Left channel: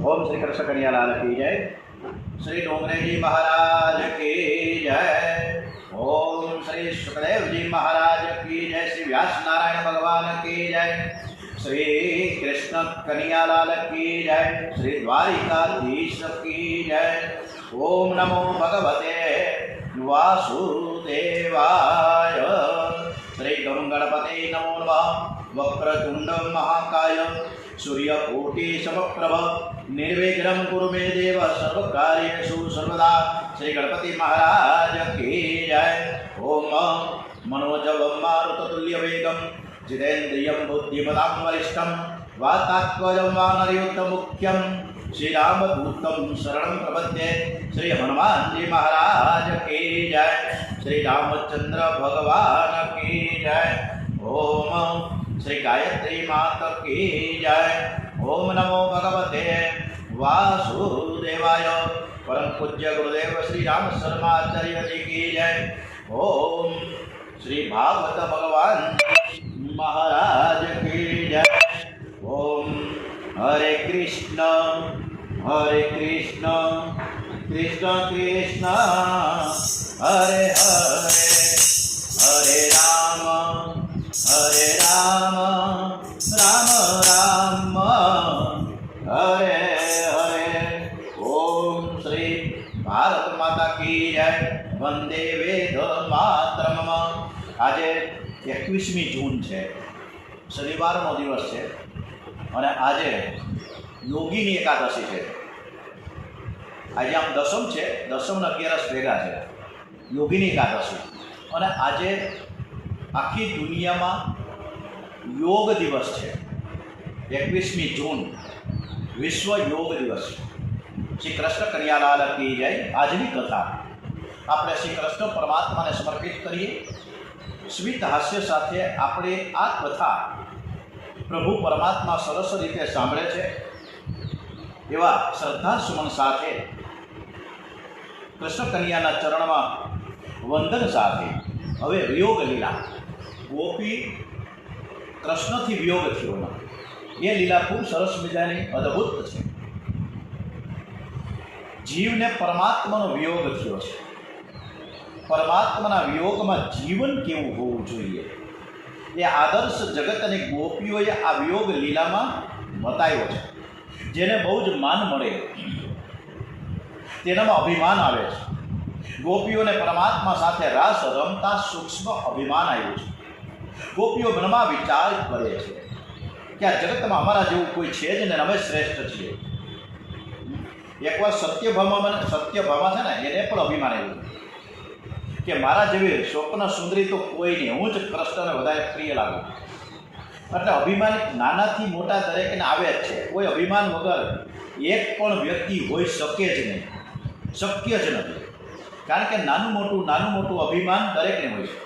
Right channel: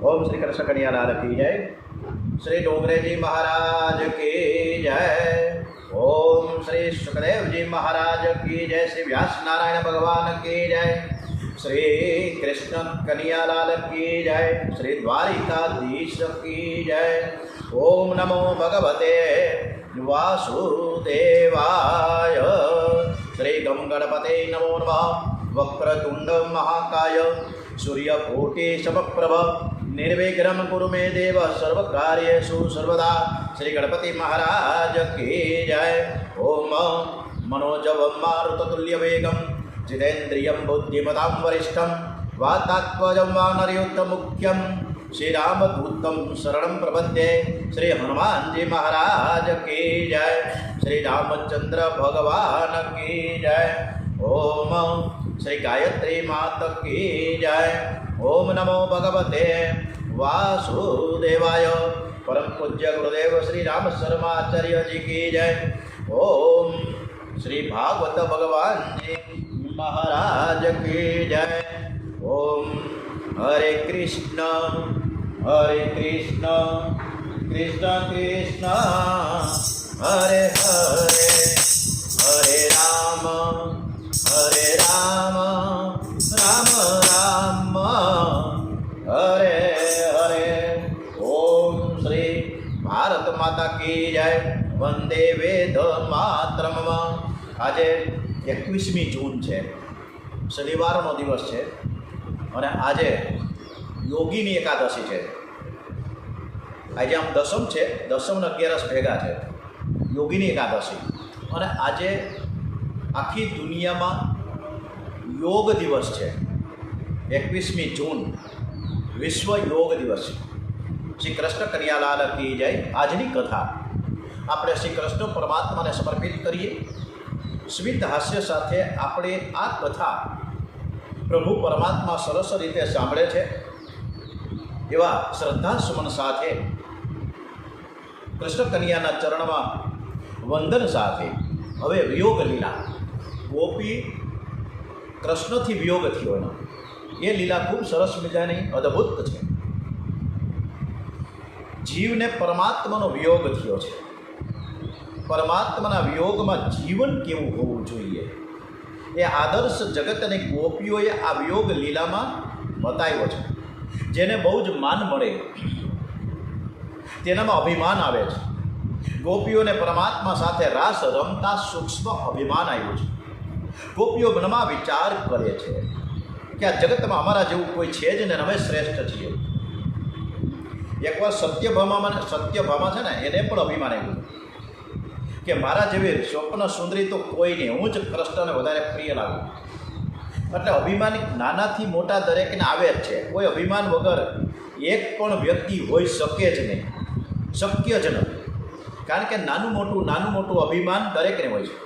ओम श्री कृष्ण कन्हैयालाल की जय। श्री डोंगरे जी महाराज की जय। ओम श्री सुखदेव जी महाराज की जय। श्री व्यास नारायण भगवान की जय। श्री कृष्ण कन्हैयालाल की जय। श्री द्वारिकाधीश की जय। ओम नमो भगवते वासुदेवाय। श्री गम गणपते नमो नमः। वक्रतुंड महाकाय सूर्यकोटि समप्रभ निर्विघ्नं कुरु मे देव सर्वकार्येषु सर्वदा। श्री गणपति महाराज की जय। ओम मनोजवं मारुततुल्यवेगं जितेन्द्रियं बुद्धिमतां वरिष्ठं वातात्मजं वानरयूथमुख्यं श्रीरामदूतं शरणं प्रपद्ये। श्री हनुमान जी महाराज की जय। श्री रामचंद्र भगवान की जय। ओम श्री गायत्री माता की जय। ओम नमो भगवते वासुदेवाय। परम पूज्य गुरुदेव श्री राम शर्माचार्य जी की जय। ओम श्री भागवत भगवान महाराज की जय। ओम हरे कृष्ण कृष्ण कृष्ण हरे हरे हरे राम राम राम हरे हरे। ओम श्री भारत माता की जय। वंदे वेद मातरम। आज 21મી જૂન છે, શનિવારનો દિવસ છે અને આજે યોગીની એકાદશી છે। આજે આમ દસમ છે, દસમ ને 11 ભેગા છે, યોગીની એકાદશી। અને આજે આખી દુનિયામાં યોગ દિવસ છે। 21મી જૂન વિશ્વ યોગ દિવસ। શ્રી કૃષ્ણ કન્હૈયાલાલ કી જય। આજની કથા આપણે શ્રી કૃષ્ણ પરમાત્માને સમર્પિત કરીએ। સ્મિત હાસ્ય સાથે આપણે આ કથા પ્રભુ પરમાત્મા સરસ રીતે સાંભળે છે એવા શ્રદ્ધા સુમન સાથે કૃષ્ણ કન્હૈયાના ચરણમાં વંદન સાથે હવે વિયોગ લીલા, ગોપી કૃષ્ણથી વિયોગ થયો એનો, એ લીલા ખૂબ સરસ મજાની અદ્ભુત છે। જીવને પરમાત્માનો વિયોગ થયો છે। પરમાત્માના વિયોગમાં જીવન કેવું હોવું જોઈએ એ આદર્શ જગત અને ગોપીઓએ આ વિયોગ લીલામાં બતાવ્યો છે। જેને બહુ જ માન મળે તેનામાં અભિમાન આવે છે। ગોપીઓને પરમાત્મા સાથે રાસ રમતા સૂક્ષ્મ અભિમાન આવ્યું છે। ગોપીઓ મનમાં વિચાર કરે છે કે આ જગતમાં અમારા જેવું કોઈ છે જ ને, અમે શ્રેષ્ઠ છીએ। એકવાર સત્યભામા છે ને, એને પણ અભિમાન આવ્યું કે મારા જેવી સ્વપ્ન સુંદરી તો કોઈ નહીં, હું જ કૃષ્ણને વધારે પ્રિય લાગું। એટલે અભિમાન નાનાથી મોટા દરેકને આવે જ છે। કોઈ અભિમાન વગર એક પણ વ્યક્તિ હોઈ શકે જ નહીં, શક્ય જ નથી। કારણ કે નાનું મોટું અભિમાન દરેકને હોય છે।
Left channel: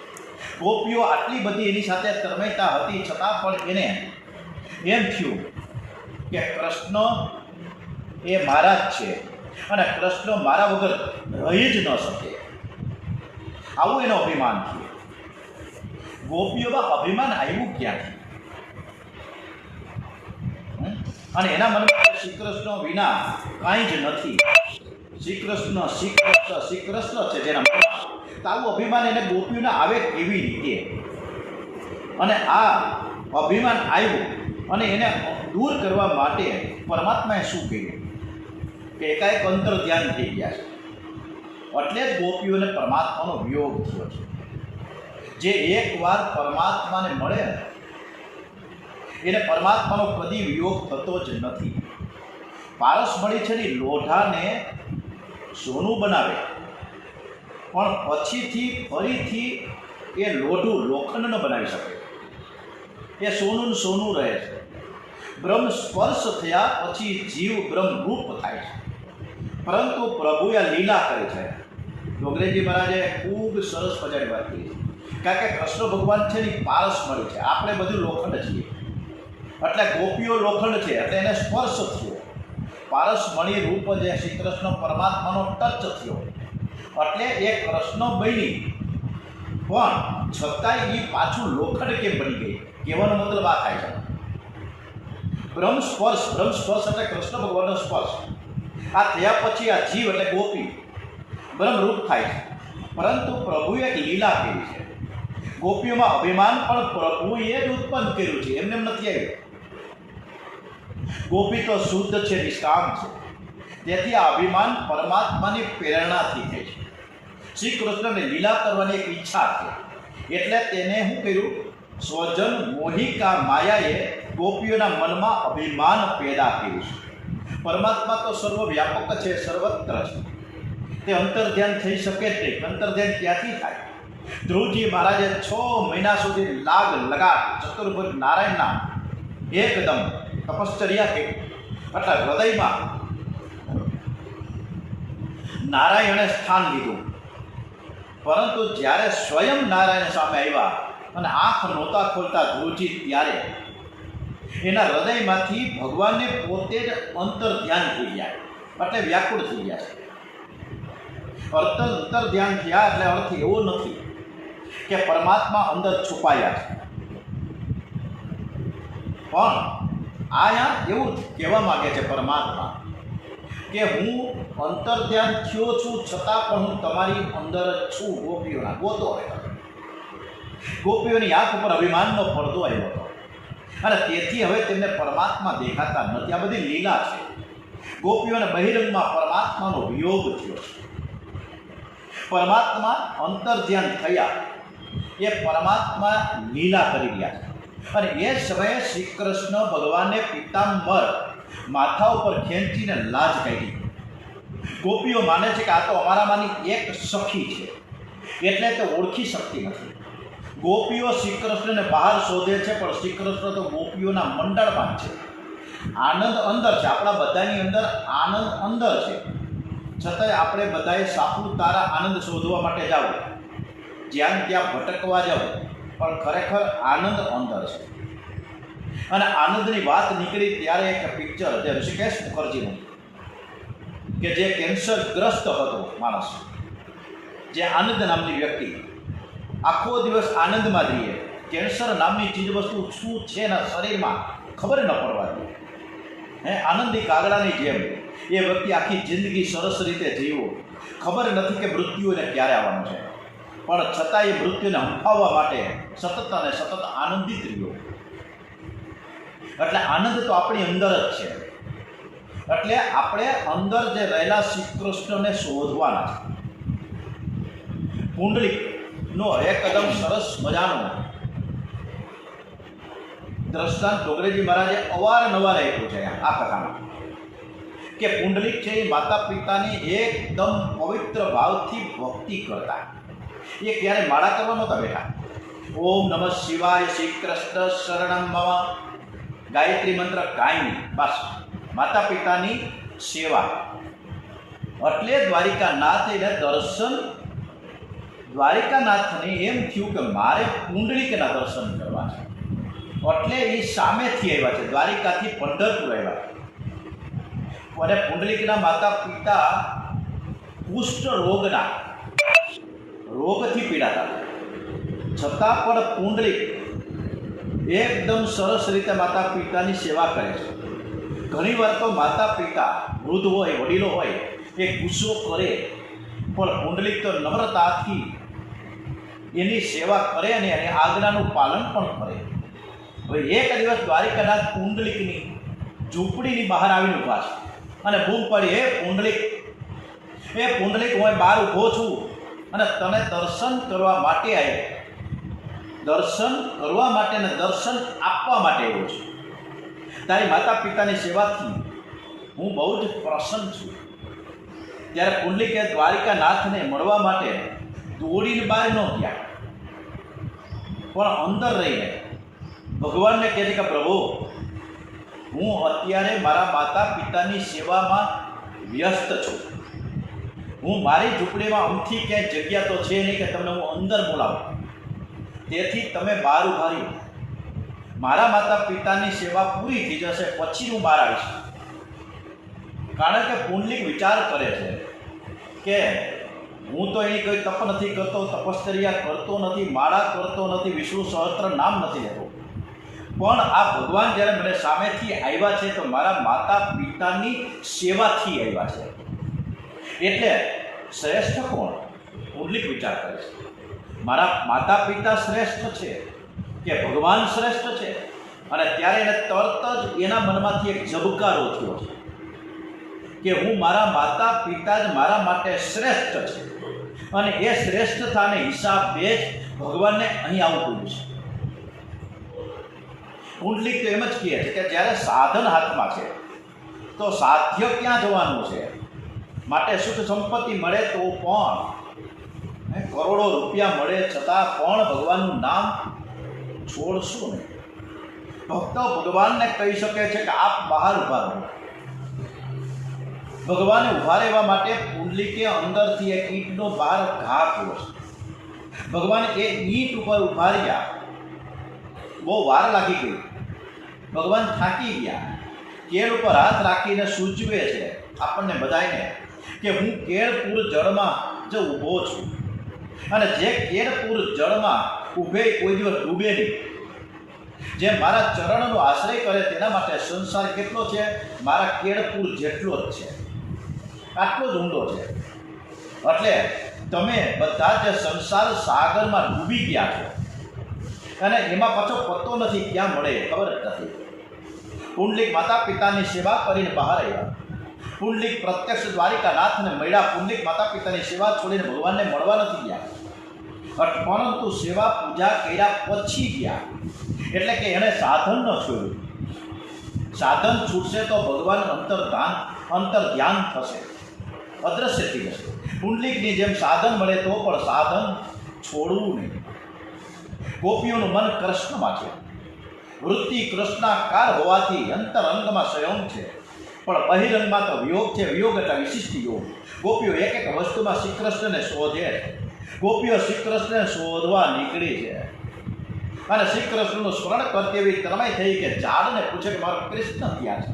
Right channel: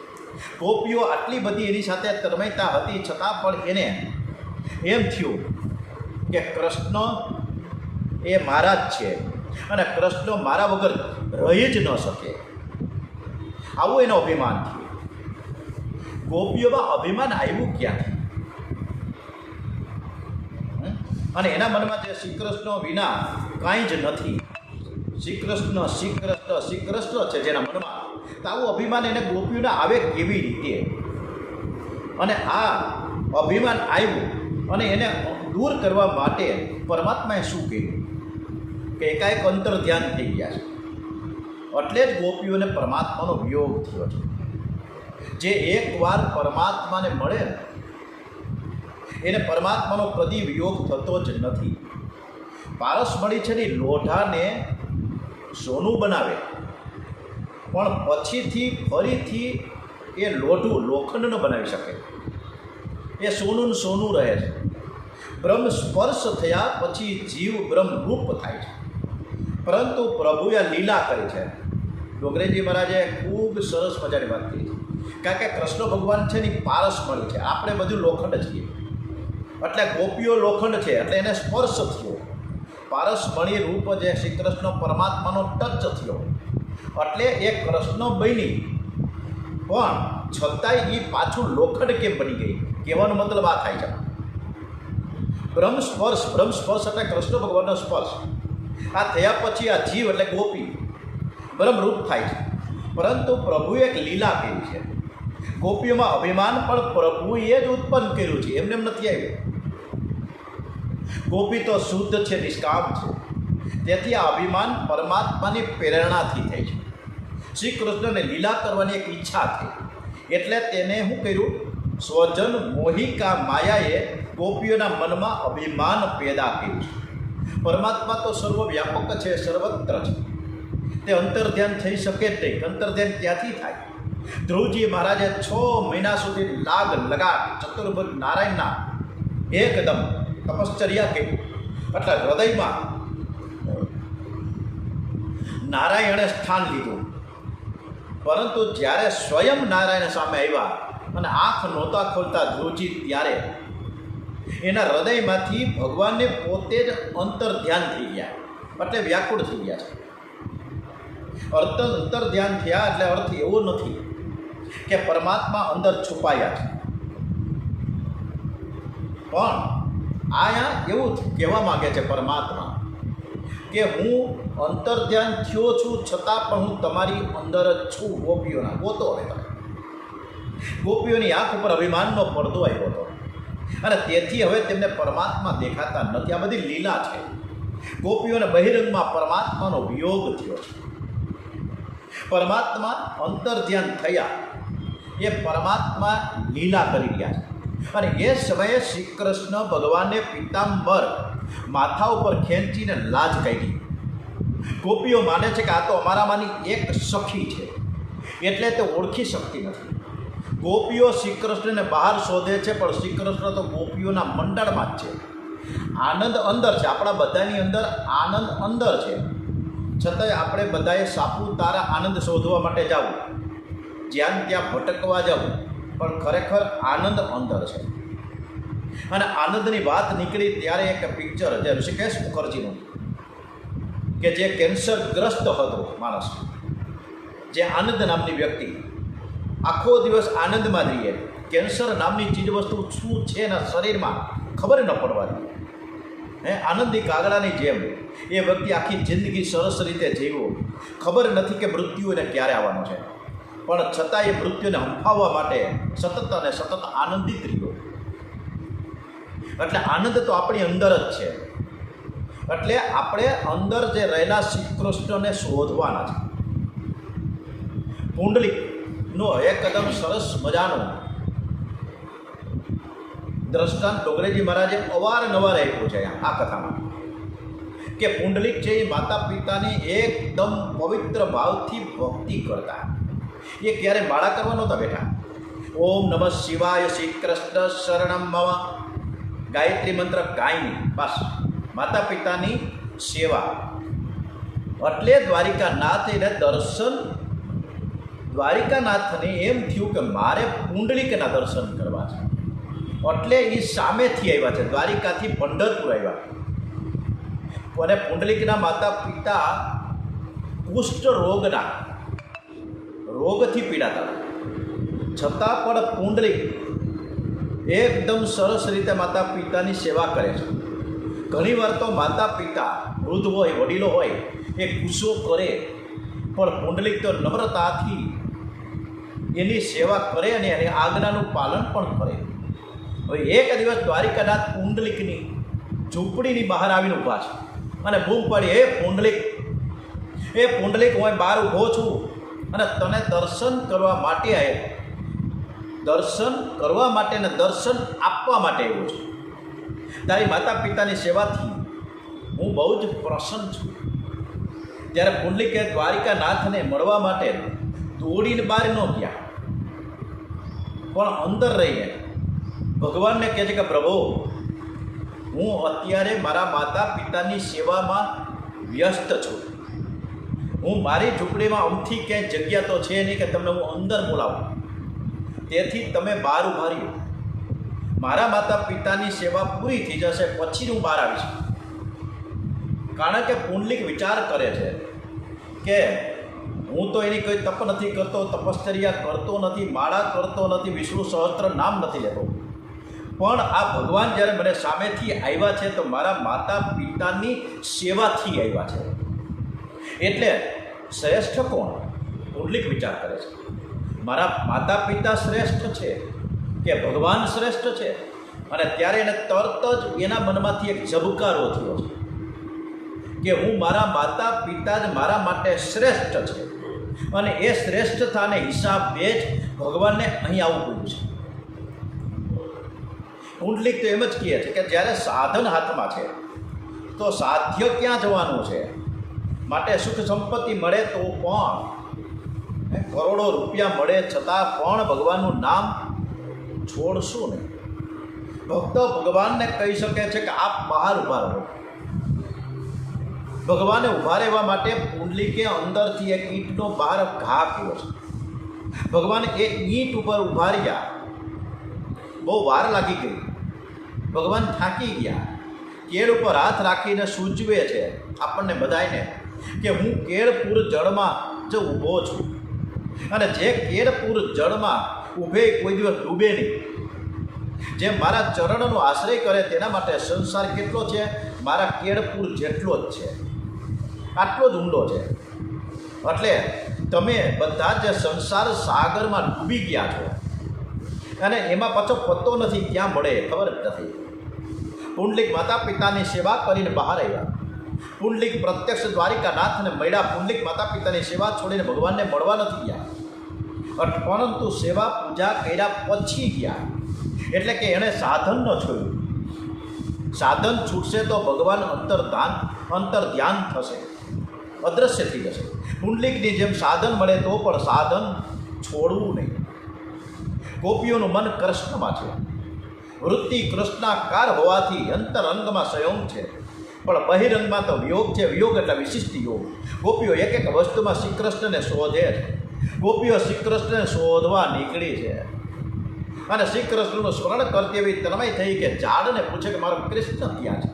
ગોપીઓ આટલી બધી એની સાથે તન્મયતા હતી છતાં પણ એને એમ થયું કે કૃષ્ણ એ મારા જ છે અને કૃષ્ણ મારા વગર રહી જ ન શકે, આવું એનો અભિમાન થયું। ગોપીઓમાં અભિમાન આવ્યું ક્યાંથી? અને એના મનમાં કે શ્રી કૃષ્ણ વિના કાંઈ જ નથી, શ્રી કૃષ્ણ છે જેના મનમાં, તો આવું અભિમાન એને ગોપીઓને આવે કેવી રીતે? અને આ અભિમાન આવ્યું અને એને દૂર કરવા માટે પરમાત્માએ શું કર્યું કે એકાએક અંતર ધ્યાન થઈ ગયા છે। એટલે જ ગોપીઓને પરમાત્માનો વિયોગ થયો છે। જે એકવાર પરમાત્માને મળે એને પરમાત્માનો કદી વિયોગ થતો જ નથી। પારસમણી છે ને લોઢાને સોનું બનાવે પણ પછીથી ફરીથી એ લોઢું લોખંડ ન બનાવી શકે, એ સોનું રહે છે। બ્રહ્મ સ્પર્શ થયા પછી જીવ બ્રહ્મરૂપ થાય છે, પરંતુ પ્રભુએ લીલા કરી છે। ડોંગરેજી મહારાજે ખૂબ સરસ મજાની વાત કરી છે, કારણ કે કૃષ્ણ ભગવાન છે ને પારસમણી છે, આપણે બધું લોખંડ છીએ। એટલે ગોપીઓ લોખંડ છે એટલે એને સ્પર્શ થયો, પારસમણી રૂપ જે શ્રી કૃષ્ણ પરમાત્માનો ટચ થયો એટલે એ કૃષ્ણ બની, પણ છતાંય એ પાછું લોખંડ કેમ બની ગઈ? કહેવાનો મતલબ આ થાય છે બ્રહ્મ સ્પર્શ એટલે કૃષ્ણ ભગવાનનો સ્પર્શ. આ થયા પછી આ જીવ એટલે ગોપી બ્રહ્મરૂપ થાય છે. પરંતુ પ્રભુએ એક લીલા કરી છે. ગોપીઓમાં અભિમાન પણ પ્રભુએ જ ઉત્પન્ન કર્યું છે, એમને એમ નથી આવ્યું. ગોપી તો શુદ્ધ છે, નિષ્કામ છે. તેથી આ અભિમાન પરમાત્માની પ્રેરણાથી થઈ છે. શ્રી કૃષ્ણને લીલા કરવાની એક ઈચ્છા છે, એટલે તેને શું કર્યું? સ્વજન મોહિકા માયાએ ગોપીઓના મનમાં અભિમાન પેદા કર્યું છે. પરમાત્મા તો સર્વવ્યાપક છે, સર્વત્ર છે. તે અંતર્ધ્યાન થઈ શકે જ નહીં. અંતર્ધ્યાન ક્યાંથી થાય? ધ્રુવજી મહારાજે 6 મહિના સુધી લગાટ ચતુર્ભુજ નારાયણના એકદમ તપશ્ચર્યા કરી. એટલે હૃદયમાં નારાયણે સ્થાન લીધું. પરંતુ જ્યારે સ્વયં નારાયણ સામે આવ્યા અને આંખ નહોતા ખોલતા ધ્રુવજી, ત્યારે એના હૃદયમાંથી ભગવાનને પોતે જ અંતર્ધ્યાન થઈ ગયા, એટલે વ્યાકુળ થઈ ગયા છે. અંતર્ધ્યાન થયા એટલે અર્થ એવો નથી કે પરમાત્મા અંદર છુપાયા છે, પણ અહીંયા એવું કહેવા માગે છે પરમાત્મા કે હું અંતર્ધ્યાન થયો છું, છતાં પણ હું તમારી અંદર જ છું. ગોપીઓના ગોતો હતા. ગોપીઓની આંખ ઉપર અભિમાનનો પડદો આવ્યો હતો અને તેથી હવે તેમને પરમાત્મા દેખાતા નથી. આ બધી લીલા છે. ગોપીઓને બહિરંગમાં પરમાત્માનો વિયોગ થયો છે. પરમાત્મા અંતર્ધ્યાન થયા, એ પરમાત્મા લીલા કરી રહ્યા છે. અને એ સમયે શ્રી કૃષ્ણ ભગવાને પિતાંબર માથા ઉપર ખેંચીને લાજ કાઢી. ગોપીઓ માને છે કે આ તો અમારામાંની એક સખી છે, એટલે તે ઓળખી શકતી નથી. ગોપીઓ શ્રી કૃષ્ણને બહાર શોધે છે, પણ શ્રી કૃષ્ણ તો ગોપીઓના મંડળમાં જ છે. આનંદ અંદર છે. આપણા બધાની અંદર આનંદ અંદર છે, છતાંય આપણે બધાએ સાપુતારા આનંદ શોધવા માટે જવું, જ્યાં ત્યાં ભટકવા જવું, પણ ખરેખર આનંદ અંદર છે. અને આનંદની વાત નીકળી ત્યારે એક પિક્ચર જે ઋષિકેશ મુખર્જીનું, કે જે કેન્સરગ્રસ્ત હતો માણસ, જે આનંદ નામની વ્યક્તિ આખો દિવસ આનંદમાં રહીએ, કેન્સર નામની ચીજવસ્તુ શું છે એના શરીરમાં ખબર ન પડવા દે, આનંદની કાગડાની જેમ એ વ્યક્તિ આખી જિંદગી સરસ રીતે જીવ્યો. ખબર નથી કે મૃત્યુ એને ક્યારે આવવાનું છે, પણ છતાં એ મૃત્યુને હંફાવવા માટે સતત અને સતત આનંદિત રહ્યો. એટલે આનંદ તો આપણી અંદર જ છે. એટલે આપણે અંદર જે રહેલા શ્રી કૃષ્ણને શોધવાના છે. પુંડલિકનો એકદમ સરસ મજાનો દ્રષ્ટાંત ડોગરેજી મહારાજે અવારનવાર આપ્યું છે આ કથામાં, કે પુંડલિક છે એ માતા પિતાની એકદમ પવિત્ર ભાવથી ભક્તિ કરતા. એ ક્યારે માળા કરવા નહોતા બેઠા. ઓમ નમઃ શિવાય, શ્રી કૃષ્ણ શરણમ મમ, ગાયત્રી મંત્ર કાંઈ નહીં, બસ માતા પિતાની સેવા. એટલે દ્વારિકાનાથ એને દર્શન, દ્વારિકાનાથને એમ થયું કે મારે પુંડલિકના દર્શન કરવા છે. એટલે એ સામેથી આવ્યા છે, દ્વારિકાથી પંઢરપુર આવ્યા. અને પુંડલિકના માતા પિતા કુષ્ઠ રોગથી પીડાતા, છતાં પણ પુંડલિક એકદમ સરસ રીતે માતા પિતાની સેવા કરે છે. ઘણીવાર તો માતા પિતા વૃદ્ધ હોય, વડીલો હોય, એ ગુસ્સો કરે, પણ પુંડલિક તો નમ્રતાથી એની સેવા કરે અને એની આજ્ઞાનું પાલન પણ કરે. હવે એક દિવસ દ્વારિકાનાથ પુંડલિકની ઝૂંપડીની બહાર આવીને ઊભા છે અને બૂમ પાડી, એ પુંડલિક હું બહાર ઊભો છું અને તને દર્શન કરવા માટે આવ્યો, દર્શન કરવા માટે ને દર્શન આપવા માટે આવ્યો છું. તારી માતા પિતાની સેવાથી હું બહુ જ પ્રસન્ન છું. ત્યારે પુંડલિકે દ્વારિકાનાથને મળવા માટે દોડીને બહાર ન ગયા, પણ અંદર રહીને ભગવાનને કહે છે કે પ્રભુ, હું અત્યારે મારા માતા પિતાની સેવામાં વ્યસ્ત છું. હું મારી ઝૂંપડીમાં અમથી ક્યાંય જગ્યા તો છે નહીં કે તમને હું અંદર બોલાવું, તેથી તમે બહાર ઉભા રહ્યો. મારા માતા પિતાની સેવા પૂરી થઈ જશે પછી હું બહાર આવીશ. કારણ કે પુંડલિક વિચાર કરે છે કે હું તો એની કોઈ તપ નથી કરતો, તપશ્ચર્યા કરતો નથી, માળા કરતો નથી, વિષ્ણુ સહસ્ત્ર નામ નથી લેતો, પણ આ ભગવાન જ્યારે મને સામેથી આવ્યા છે તો મારા માતા પિતાની સેવાથી આવ્યા છે. એટલે શ્રેષ્ઠ કોણ? પુંડલિક વિચાર કરે છે. મારા માતા પિતા શ્રેષ્ઠ છે કે ભગવાન શ્રેષ્ઠ છે? અને ત્યારે એને તરત જ એના મનમાંથી એક ઝબકારો થયો છે કે હું મારા માતા પિતા જ મારા માટે શ્રેષ્ઠ છે. અને એ શ્રેષ્ઠતાને હિસાબે જ ભગવાનને અહીં આવવું છે. પુંડલિક તો એમ જ કહે છે કે જ્યારે સાધન હાથમાં છે તો સાધ્ય ક્યાં જવાનું છે? માટે સુખ સંપત્તિ મળે તો પણ, કરોડો રૂપિયા મળે છતાં પણ ભગવાનનું નામ છોડશું નહીં. ભક્તો ભગવાનને કહી શકે છે કે આપ બહાર ઊભા રહો. ભગવાને ઊભા રહેવા માટે પુંડલિકે અંદરથી એક ઈંટનો બહાર ઘા કર્યો છે. ભગવાન એક ઈંટ ઉપર ઊભા રહ્યા. બહુ વાર લાગી ગઈ. ભગવાન થાકી ગયા. કેળ ઉપર હાથ રાખીને સૂચવે છે આપણને બધાને કે હું કેળપુર જળમાં જ ઊભો છું. અને જે કેળપુર જળમાં ઊભે કોઈ દિવસ ડૂબે નહીં. જે મારા ચરણનો આશ્રય કરે તેના માટે સંસાર કેટલો છે? મારા કેળપુર જેટલો જ છે. આટલો જ ઊંડો છે. એટલે તમે બધા જે સંસાર સાગરમાં ડૂબી ગયા છો અને એમાં પાછો પત્તો નથી, ક્યાં મળે ખબર જ નથી. પુંડલિક માતા પિતાની સેવા કરીને બહાર આવ્યા. પુંડલિક પ્રત્યક્ષ દ્વારિકાનાથને મળ્યા. પુંડલિક માતા પિતાની સેવા છોડીને ભગવાનને મળવા નથી ગયા, પરંતુ સેવા પૂજા કર્યા પછી ગયા. એટલે કે એણે સાધન ન છોડ્યું. સાધન છૂટશે તો ભગવાન અંતર ધ્યાન થશે, અદ્રશ્ય થઈ જશે. પુંડલિકની જેમ સાધન મળે તો પણ સાધન છોડવું નહીં. ગોપીઓનું મન કૃષ્ણમાં છે. વૃત્તિ કૃષ્ણાકાર હોવાથી અંતરંગમાં સંયમ છે, પણ બહિરંગમાં તો વિયોગ છે. વિયોગ એટલે વિશિષ્ટ યોગ. ગોપીઓ એક એક વસ્તુમાં શ્રી કૃષ્ણને શોધે છે. ગોપીઓ શ્રી કૃષ્ણને શોધવા નીકળી છે અને શ્રી કૃષ્ણનું સ્મરણ કરતી એવી તન્મય થઈ કે ઝાડને પૂછે કે મારો કૃષ્ણ ક્યાં છે.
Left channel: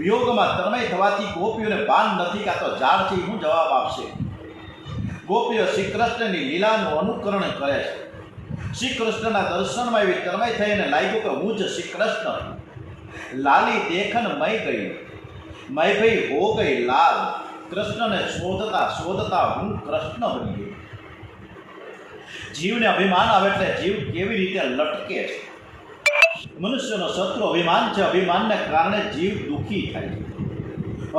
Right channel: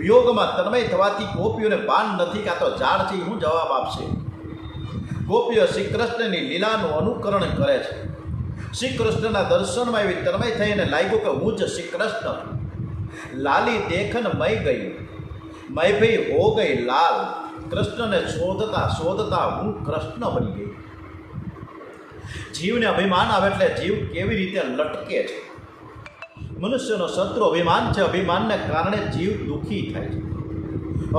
વિયોગમાં તન્મય થવાથી ગોપીઓને ભાન નથી કે આ તો ઝાડ છે, હું જવાબ આપશે. ગોપીઓ શ્રી કૃષ્ણની લીલાનું અનુકરણ કરે છે. શ્રી કૃષ્ણના દર્શનમાં એવી તન્મય થઈને લાગ્યું કે હું જ શ્રી કૃષ્ણ. લાલી દેખન મય ગઈ, મય ભઈ હો ગઈ લાલ. કૃષ્ણને શોધતા શોધતા હું કૃષ્ણ બની ગઈ. જીવને અભિમાન આવે એટલે જીવ કેવી રીતે લટકે છે. મનુષ્યનો શત્રુ અભિમાન છે. અભિમાનને કારણે જીવ દુઃખી થાય છે.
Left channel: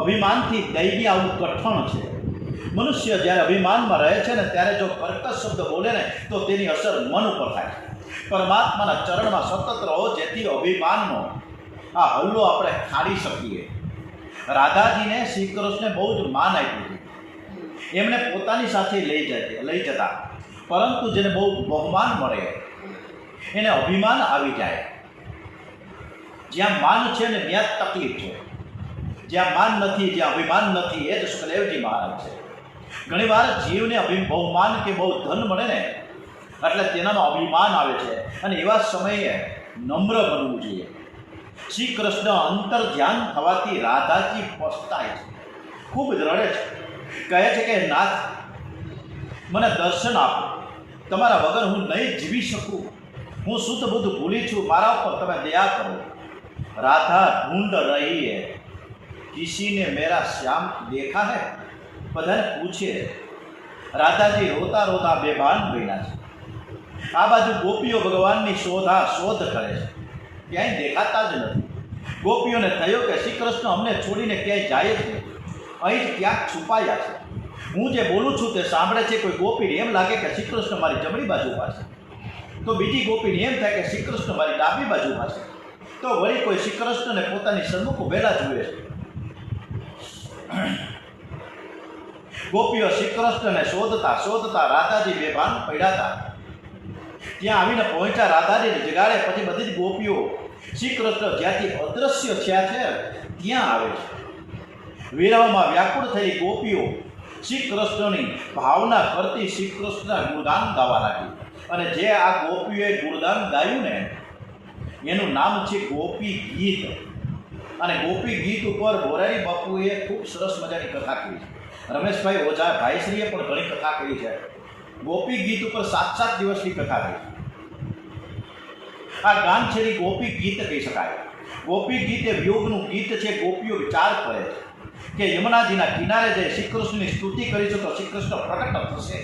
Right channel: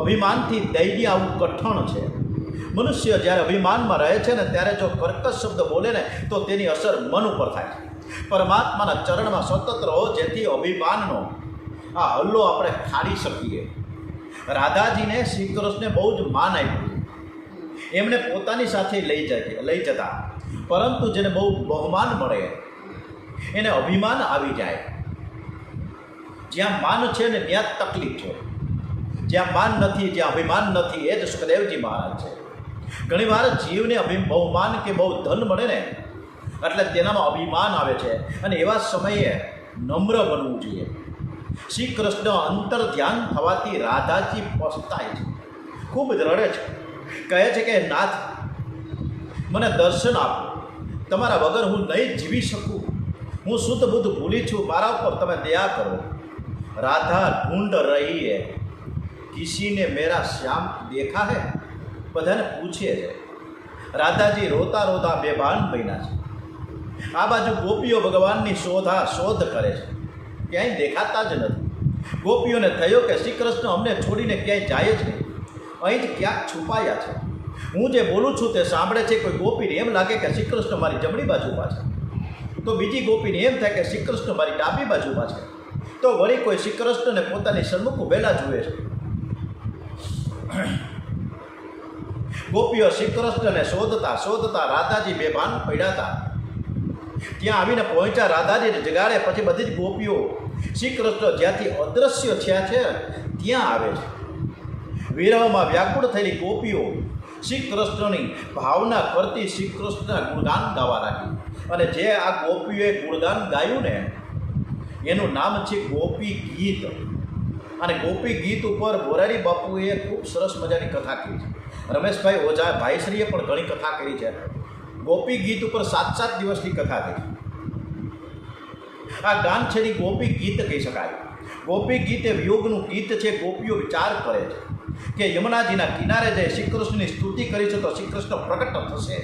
અભિમાનથી દૈવી આવું કઠણ છે. મનુષ્ય જ્યારે અભિમાનમાં રહે છે ને ત્યારે જો કર્કશ શબ્દ બોલે ને તો તેની અસર મન ઉપર થાય છે. પરમાત્માના ચરણમાં સતત રહો જેથી અભિમાનનો આ હલ્લો આપણે ખાડી શકીએ. રાધાજીને શ્રી કૃષ્ણે બહુ જ માન આપ્યું. એમને પોતાની સાથે લઈ જતા, પરંતુ જેને બહુ બહુમાન મળે એને અભિમાન આવી જાય. જ્યાં માન છે ને ત્યાં તકલીફ છે. જ્યાં માન નથી, જ્યાં અભિમાન નથી, એ જ સુખદેવજી મહારાજ છે. ઘણીવાર જીવને બહુમાન કે બહુ ધન મળે ને એટલે તેનામાં અભિમાન આવે છે અને એવા સમયે નમ્ર બનવું જોઈએ. શ્રી કૃષ્ણ અંતર ધ્યાન થવાથી રાધાજી પછતાય છે, ખૂબ જ રડે છે. કહે છે કે નાથ, મને દર્શન આપો. તમારા વગર હું નહીં જીવી શકું. હું શુદ્ધ બુદ્ધ ભૂલી છું. મારા ઉપર તમે દયા કરો. રાધા ઢૂંઢ રહી હે, કિસીને મેરા શ્યામ દેખા હે. બધાને પૂછે. રાધાજી રોતા રોતા બેભાન બન્યા છે. આ બાજુ ગોપીઓ ભગવાનની શોધ કરે છે, ક્યાંય દેખાતા જ નથી. ગોપીઓને થયો કે શ્રી કૃષ્ણ અમને છોડીને ક્યાંય જાય જ નહીં, અહીં જ ક્યાંક છુપાયા છે. હું જે બોલું છું તે સાંભળે છે. કોઈ ગોપીને એમ લાગે કે શ્રી કૃષ્ણ મારી જમણી બાજુ ઊભા છે, તો બીજી ગોપીને એમ થાય કે શ્રી કૃષ્ણ મારી ડાબી બાજુ ઊભા છે, તો વળી કોઈ શ્રી કૃષ્ણને પોતાની સન્મુખ ઉભેલા જુએ છે. ગોપીઓ શ્રી કૃષ્ણને શોધતા શોધતા રાધાજી બેભાન પડ્યા હતા. ત્યાં આવીને પહોંચ્યા. રાધાજીને જગાડે પછી બધી જ ગોપીઓ શ્રી કૃષ્ણ જ્યાંથી અદૃશ્ય થયા છે ત્યાં આવે છે. વિરહમાં વ્યાકુળ થયેલી ગોપીઓ શ્રી કૃષ્ણની ભાવના કરતી શ્રી કૃષ્ણના ગુણગાન ગાવા લાગી. અને જે આ ગોપીઓએ ગુણગાન ગાયું ને એનું નામ છે ગોપી ગીત. અને ગોપી ગીત ઉપર મોરારી બાપુએ ખૂબ સરસ મજાની કથા કરી છે. રમેશભાઈ ઓઝા ભાઈશ્રીએ પણ ઘણી કથા કરી છે. ગોપી ગીત ઉપર 7 દિવસની કથા કરી. આ ગાન છે એ ગોપી ગીત કહી શકાય. ગોપી ગીત એ વિયોગનું ગીત છે. ગોપીઓ વિચાર કરે છે કે યમુનાજીના કિનારે જઈ શ્રી કૃષ્ણની સ્તુતિ કરીશું તો શ્રી કૃષ્ણ પ્રકટ થશે.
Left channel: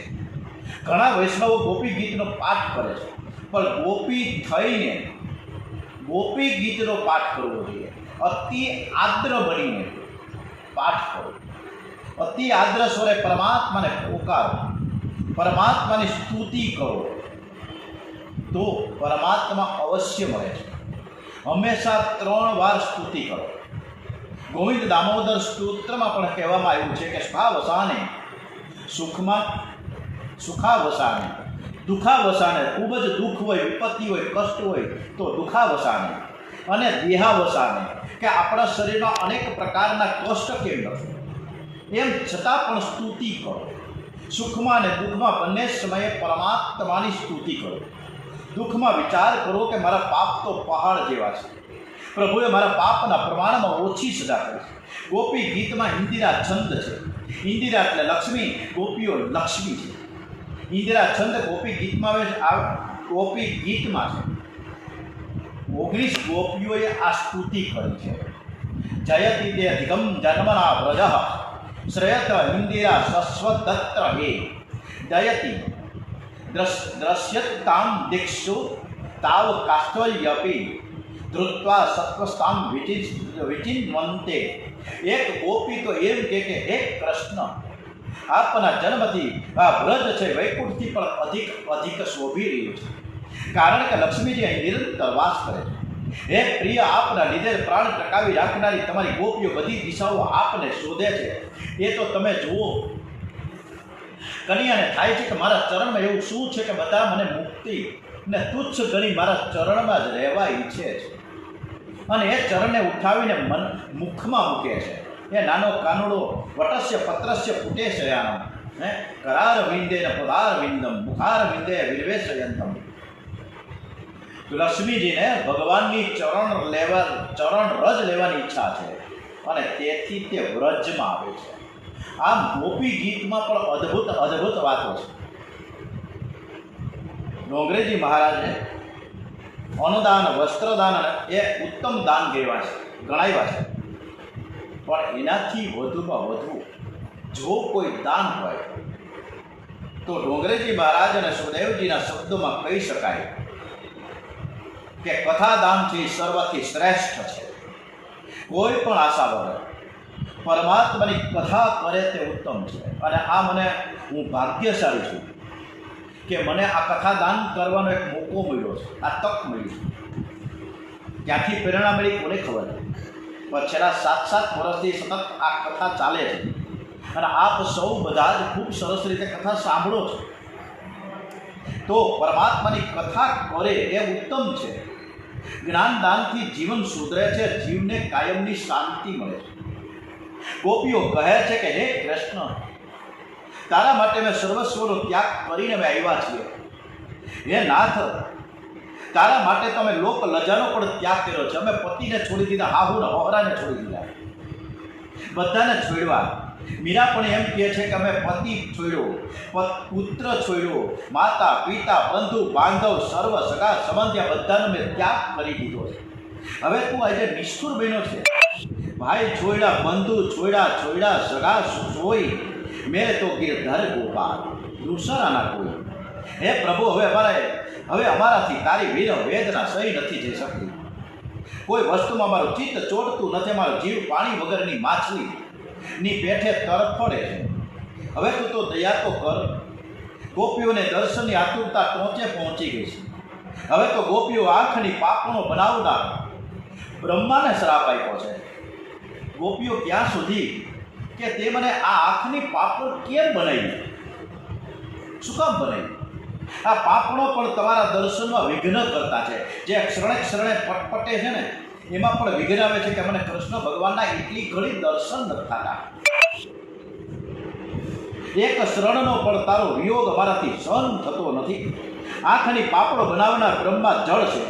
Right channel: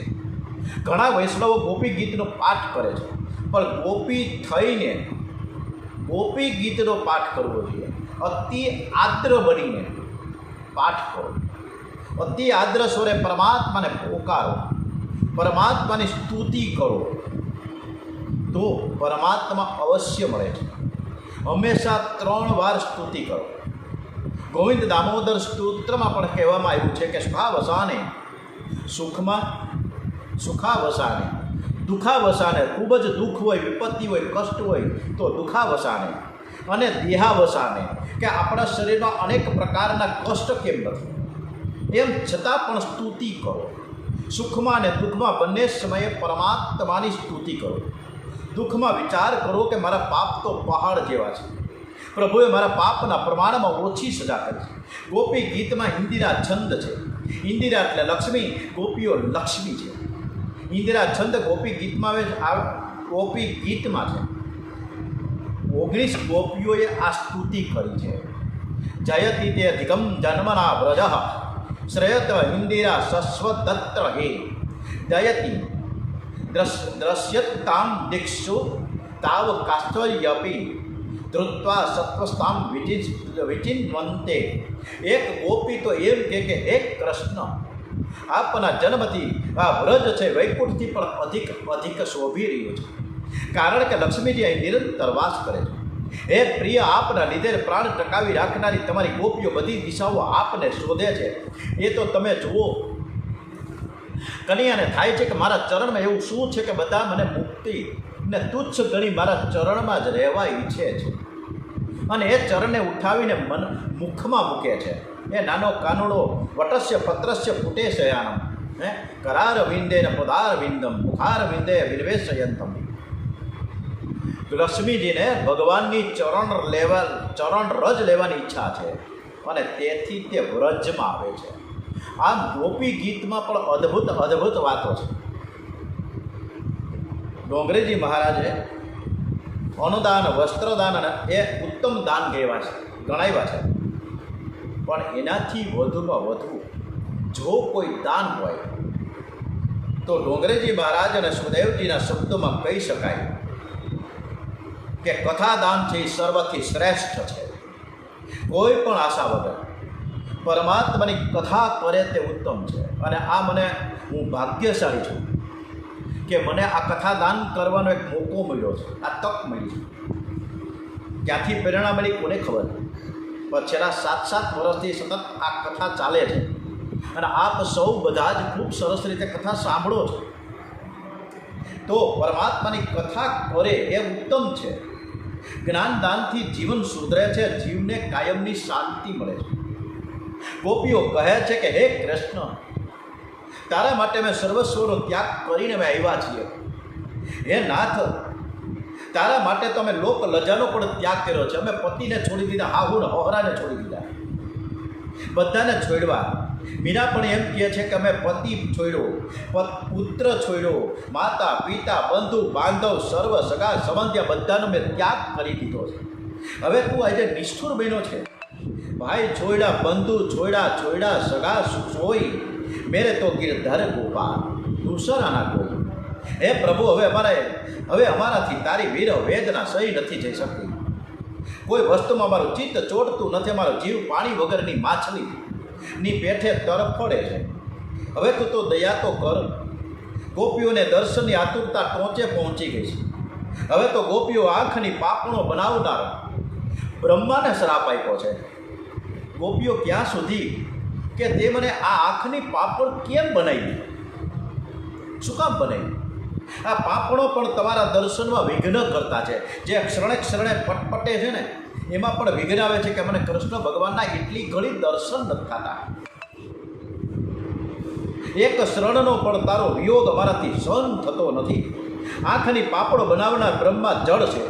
ઘણા વૈષ્ણવો ગોપી ગીતનો પાઠ કરે છે, પણ ગોપી થઈને ગોપી ગીતનો પાઠ કરવો જોઈએ. અતિ આદ્ર બનીને પાઠ કરો. અતિ આદ્ર સ્વરે પરમાત્માને પોકારો, પરમાત્માની સ્તુતિ કરો, તો પરમાત્મા અવશ્ય મળે છે. હંમેશા 3 વાર સ્તુતિ કરો. ગોવિંદ દામોદર સ્તોત્રમાં પણ કહેવામાં આવ્યું છે કે સુખાવસાને, સુખમાં સુખાવસાને, દુઃખાવસાને, ખૂબ જ દુઃખ હોય, વિપત્તિ હોય, કષ્ટ હોય તો દુઃખાવસાને, અને દેહાવસાને, કે આપણા શરીરમાં અનેક પ્રકારના કષ્ટ કેમ નથી એમ છતાં પણ સ્તુતિ કરો. સુખમાં અને દુઃખમાં બંને સમયે પરમાત્માની સ્તુતિ કરો. દુઃખમાં વિચાર કરો કે મારા પાપ તો પહાડ જેવા છે, પ્રભુએ મારા પાપના પ્રમાણમાં ઓછી સજા કરી છે. ગોપી ગીતમાં ઇન્દિરા છંદ છે. ઇન્દિરા એટલે લક્ષ્મી, ગોપીઓ લક્ષ્મી છે. ઇન્દિરા છંદ ગોપી ગીતમાં ગોપી ગીતમાં છે. 19 ગોપીઓએ આ સ્તુતિ કરી છે. જયતિ તે અધિગમ જન્મના વ્રજ શ્રેયત ઇન્દિરા સસ્વદત્ત હે દયતિ દ્રશ્યતામ દીક્ષુ તાવ કાષ્ઠલ્યપી ધૃત્વા સત્વસ્તામ વિચિન્વંતે. એક ગોપી તો એમ કે હે કૃષ્ણ, આપના જન્મથી આ વ્રજ છે વૈકુંઠથી પણ અધિક શોભી રહ્યું છે, કારણ કે લક્ષ્મીજી અહીં નિરંતર વાસ કરે છે. હે પ્રિય, આપના લીધે પ્રાણ ટકાવી રાખનારી તમારી ગોપીઓ બધી દિશાઓ આપને શોધે છે. એ તો તમે જુઓ. કનૈયાને થાય છે કે મારા ચરણમાં એવું શું છે કે બધા મને મુક્તિ ને તુચ્છ ગણી મારા ચરણમાં જ રહેવા ઈચ્છે છે, અને એ ચરણને ઉઠાવીને મુખમાં મૂકે છે. એ નાનો કાનુડો વટસ્ય પત્રસ્ય ફૂટે શયાનમ કરાર વિંદે ને પદાર વિંદમ મુખાર વિંદે વિર્વેશયંતમ. લક્ષ્મીજીને ભગવાનની ચરણ રજ લેવાની ઈચ્છા છે, અને તેથી તે વ્રજમાં આવે છે. આમ ગોપી ગીતમાં પણ અદ્ભુત વાતો છે. ડોંગરેજી મહારાજે અનુદાન, વસ્ત્રદાન એ ઉત્તમ દાન ગણાવ્યા છે, પણ એનાથી વધુમાં વધુ જો કોઈ દાન હોય તો ડોંગરેજી મહારાજ અને સુદેવજીના શબ્દોમાં કહી શકાય કે કથાદાન છે એ સર્વથી શ્રેષ્ઠ છે. કોઈ પણ આશા વગર પરમાત્માની કથા કરે તે ઉત્તમ છે. અને આ હું ભાગ્યશાળી છું કે મને આ કથાદાન કરવાનો એક મોકો મળ્યો છે, આ તક મળી છે. ક્યાંથી પ્રેરણા મળી કોને ખબર, પણ છેલ્લા 7 વર્ષથી સતત આ કથા ચાલે છે, અને આપ સૌ બધા જ ખૂબ સરસ રીતે કથા સાંભળો છો. તો પરમાત્માની કથા કરે એ ઉત્તમ છે. જ્ઞાનદાનથી જીવન સુધરે છે, જીવને કાયમની શાંતિ મળે છે. ગોપીઓ કહે છે કે હે કૃષ્ણ, તારા માટે મેં સર્વસ્વનો ત્યાગ કરીને અમે આવ્યા છીએ. હે નાથ, તારા માટે તો અમે લોક લજાનો પણ ત્યાગ કર્યો છે. અમે પતિને છોડી દીધા, હાહુને હોહરાને છોડી દીધા, બધાને છોડવા. મીરા પણ એમ કહે છે કે અમે પતિ છોડ્યો, પુત્ર છોડ્યો, માતા પિતા બંધુ બાંધવ સર્વ સગા સંબંધિયા બધાનો મેં ત્યાગ કરી દીધો છે. હવે તું આજે નિષ્ઠુર બન્યો છે. ભાઈ છોડ્યા, બંધુ છોડ્યા, સગા સોઈ, મેરે તો ગિરધર ગોપાલ દૂસરાના કોઈ. હે પ્રભુ, હવે અમારાથી તારી વીર વેદના સહી નથી જઈ શકતી. કોઈ વસ્તુમાં મારું ચિત્ત ચોટતું નથી. અમારો જીવ પાણી વગરની માછલીની પેઠે તરફડે છે. હવે તું તો દયા તો કર. ગોપીઓને દર્શનની આતુરતા ટોંચે પહોંચી ગઈ છે. હવે તો ગોપીઓ આંખની પાપણો બનાવનાર બ્રહ્માને શ્રાપ આપ્યો છે. ગોપીઓ ક્યાં સુધી કે તે મને આ આંખની પાપણ કેમ બનાવી, શું કામ બનાવી? આ પાપણો પણ તમારા દર્શનમાં વિઘ્ન કરતા છે. જે ક્ષણે પટપટે છે ને, એમાં પણ વિઘ્ન આવે છે કે મને કૃષ્ણ ભગવાનના એટલી ઘણી દર્શન નથી થતા. એક શરણનો પણ તારો વિયોગ અમારાથી સહન થતો નથી. આંખની પાપણો બનાવનાર બ્રહ્મા જળ છે.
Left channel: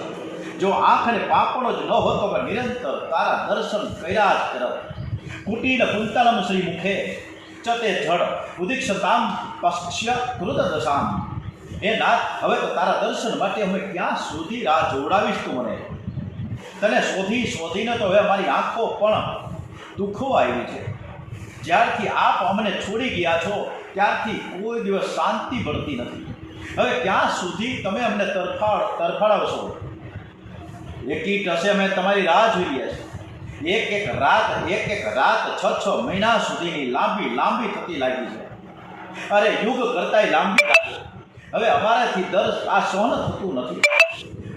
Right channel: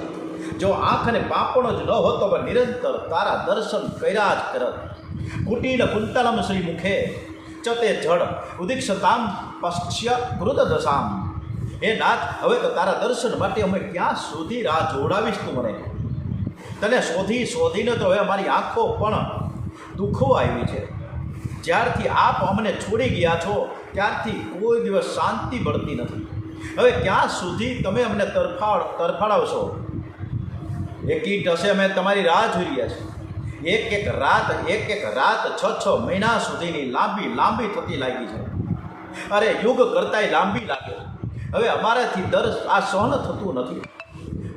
જો આંખને પાપણો જ ન હોતો પણ નિરંતર તારા દર્શન કર્યા જ કરત. કુટીન કુંતલમ શ્રી મુખે ચતે જળ ઉદીક્ષતામ પશ્ય કૃત દશામ. હે નાથ, હવે તો તારા દર્શન માટે અમે ક્યાં સુધી રાહ જોડાવીશ તું મને? તને શોધી શોધીને તો હવે અમારી આંખો પણ દુખવા આવી છે. જ્યારથી આપ અમને છોડી ગયા છો ત્યારથી કોઈ દિવસ શાંતિ મળતી નથી. હવે ક્યાં સુધી તમે અમને તરફાડાવશો? એકી ટસે અમે તમારી રાહ જોઈ રહ્યા છીએ. એક એક રાત 6 મહિના સુધીની લાંબી થતી લાગી છે. અરે યુગ કરતાંય લાંબી લાગે. હવે અમારાથી આ સહન થતું નથી.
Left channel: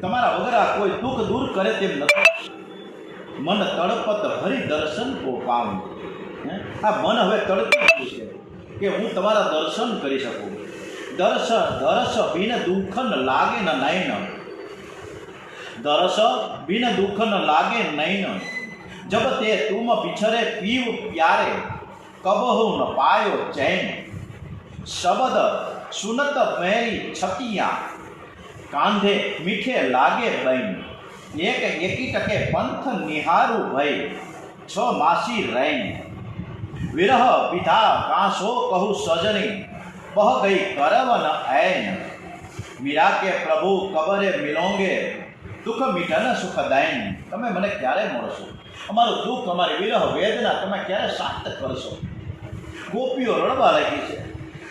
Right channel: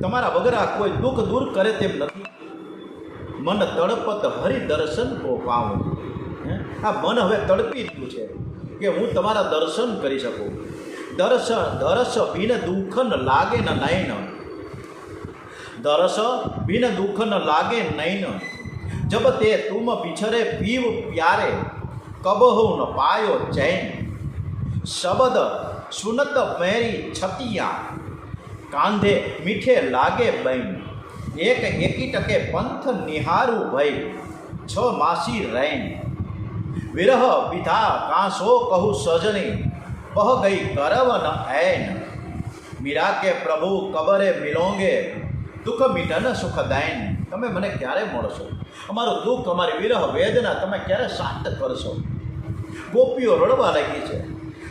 તમારા વગર આ કોઈ દુઃખ દૂર કરે તેમ નથી. મન તડપત હરિ દર્શન કો પાઉં. આ મન હવે તડપી ગયું છે કે હું તમારા દર્શન કરી શકું. દરસ બિન દુઃખ ન લાગે ન નયન. દરસ બિન દુઃખ ન લાગે નયન. જબ તે તુમ બિછરે પીવ પ્યારે, કબહુ ન પાયો ચૈન. શબદ સુનત મેરી છતિયા, કાંધે મીઠે લાગે બૈન. એકી ટકે પંથ નિહારું ભય, 6 માસી રૈન. વિરહ વિધા કાંસો કહું સજની, બહ ગઈ કરવન ऐन. મીરા કે પ્રભુ કબરે મિલોંગે, દુઃખ મીઠન સુખ દૈન. તમે મને ક્યારે મળશો? અમારું દુઃખ, અમારી વિરહ વેદના તમે ક્યારે શાંત કરશો? ગોપીઓ રડવા લાગી છે.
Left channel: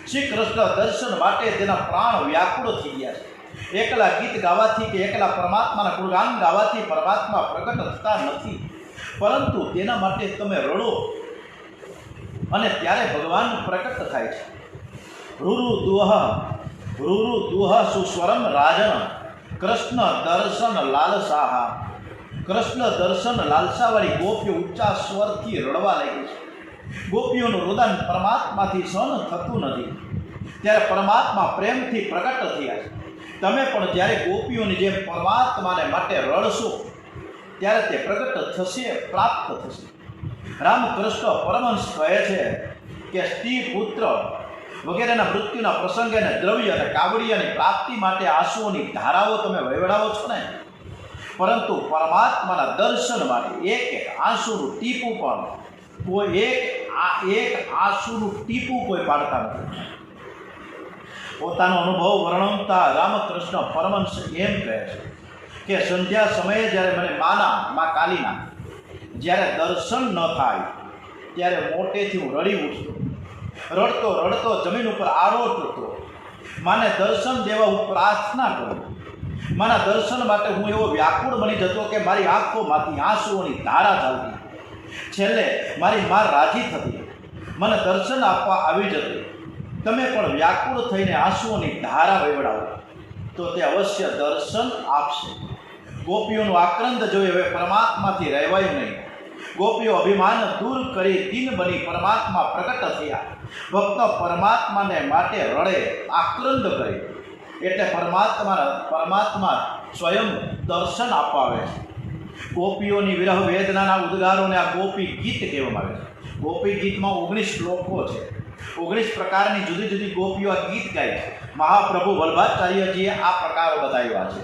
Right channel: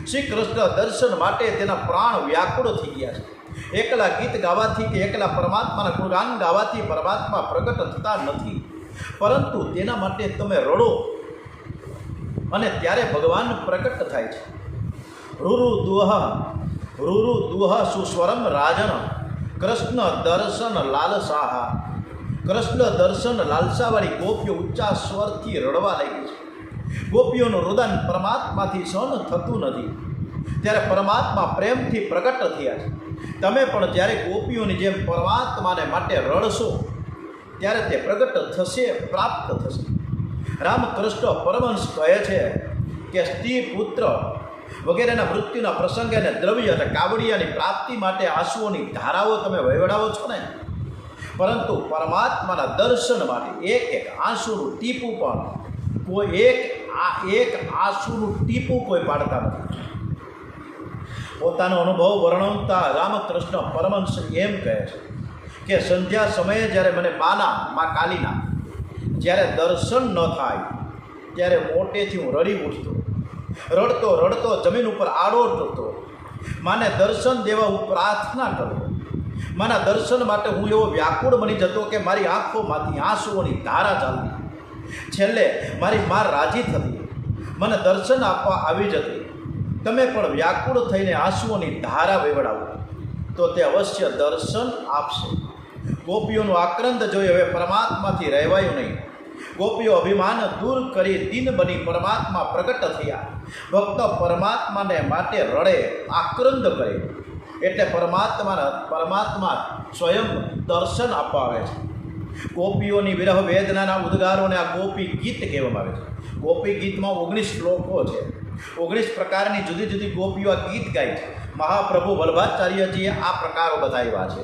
શ્રી કૃષ્ણ દર્શન માટે તેના પ્રાણ વ્યાકુળ થઈ ગયા છે. એકલા ગીત ગાવાથી કે એકલા પરમાત્માના ગુણગાન ગાવાથી પરમાત્મા પ્રગટ થતા નથી, પરંતુ તેના માટે તમે રડો અને ત્યારે ભગવાન પ્રગટ થાય છે. રૂરુ દુહ સુસ્વરમ રાજન, કૃષ્ણ દર્શન લાલસાહા. કૃષ્ણ દર્શન લાલસાવાળી ગોપીઓ ઊંચા સ્વરથી રડવા લાગી છે. ગોપીઓનું રુદન પરમાત્માથી સહન થતું નથી, ત્યારે પરમાત્મા પ્રેમથી પ્રગટ થયા છે. તમે પણ જ્યારે ગોપીઓની જેમ પરમાત્માને માટે રડશો ત્યારે તે પ્રગટ થશે, પ્રાપ્ત થશે. રામકૃષ્ણ પરમહંસ કહે છે કે સ્ત્રી પુત્ર વગેરેના મૃત્યુના પ્રસંગે અને દ્રવ્ય અને કાવડિયાની પ્રાપ્તિ માટે આંસુઓની ધારાઓ તમે વહેવડાવો છો ને, પરંતુ પરમાત્માના દર્શન માટે એક આંસુનું ટીપું પણ એક આંસુનું ટીપું કોઈ પાડતા નથી. પોતાનો અનુભવ વર્ણવતા રામકૃષ્ણ પરમહંસ એમ કહે છે કે સંધ્યા સમયે જ્યારે મને મા કાલીના જ્યારે દર્શન ન થાય ત્યારે મોટેથી હું રડી ઉઠતો. રડતો જમીન ઉપર આડોટતો. માને દર્શન દેવા હું પ્રાર્થના કરું. માના દર્શન માટે હું એવો વ્યાકુળ બની જતો કે મારી આંખોમાંથી આંસુઓની ધારા ચાલતી. છેલ્લે મારી મા રાજી થતી, મને દર્શન આપવા આવી જતી. તમે પણ વ્યાકુળ થઈને આંસુઓની ધારા વેવડાવો તો તે અવશ્ય દર્શન આપશે. ગોપીઓનું આક્રંદ જોઈ હવે પરમાત્માથી રહેવાયું નહીં. ગોપીઓ અભિમાન દૂર કરી દિન બની પરમાત્મા પ્રગટ થયા. ભક્ત પરમાત્માને માટે રડે, આક્રંદ કરે એટલે પરમાત્મા સ્વયં દર્શન આપવા આવે છે. ગોપીઓની વિરહ વેદનાના ઉદ્ગારોને આ ગોપી ગીત કહેવામાં આવે છે. ગોપી ગીતમાં 19 શ્લોકો છે. 19 પ્રકારની જુદી જુદી ગોપીઓ આ ગીત ગાય છે. મહાપ્રભુ વલ્લભાચાર્યજીએ આ પ્રકારો બતાવ્યા છે.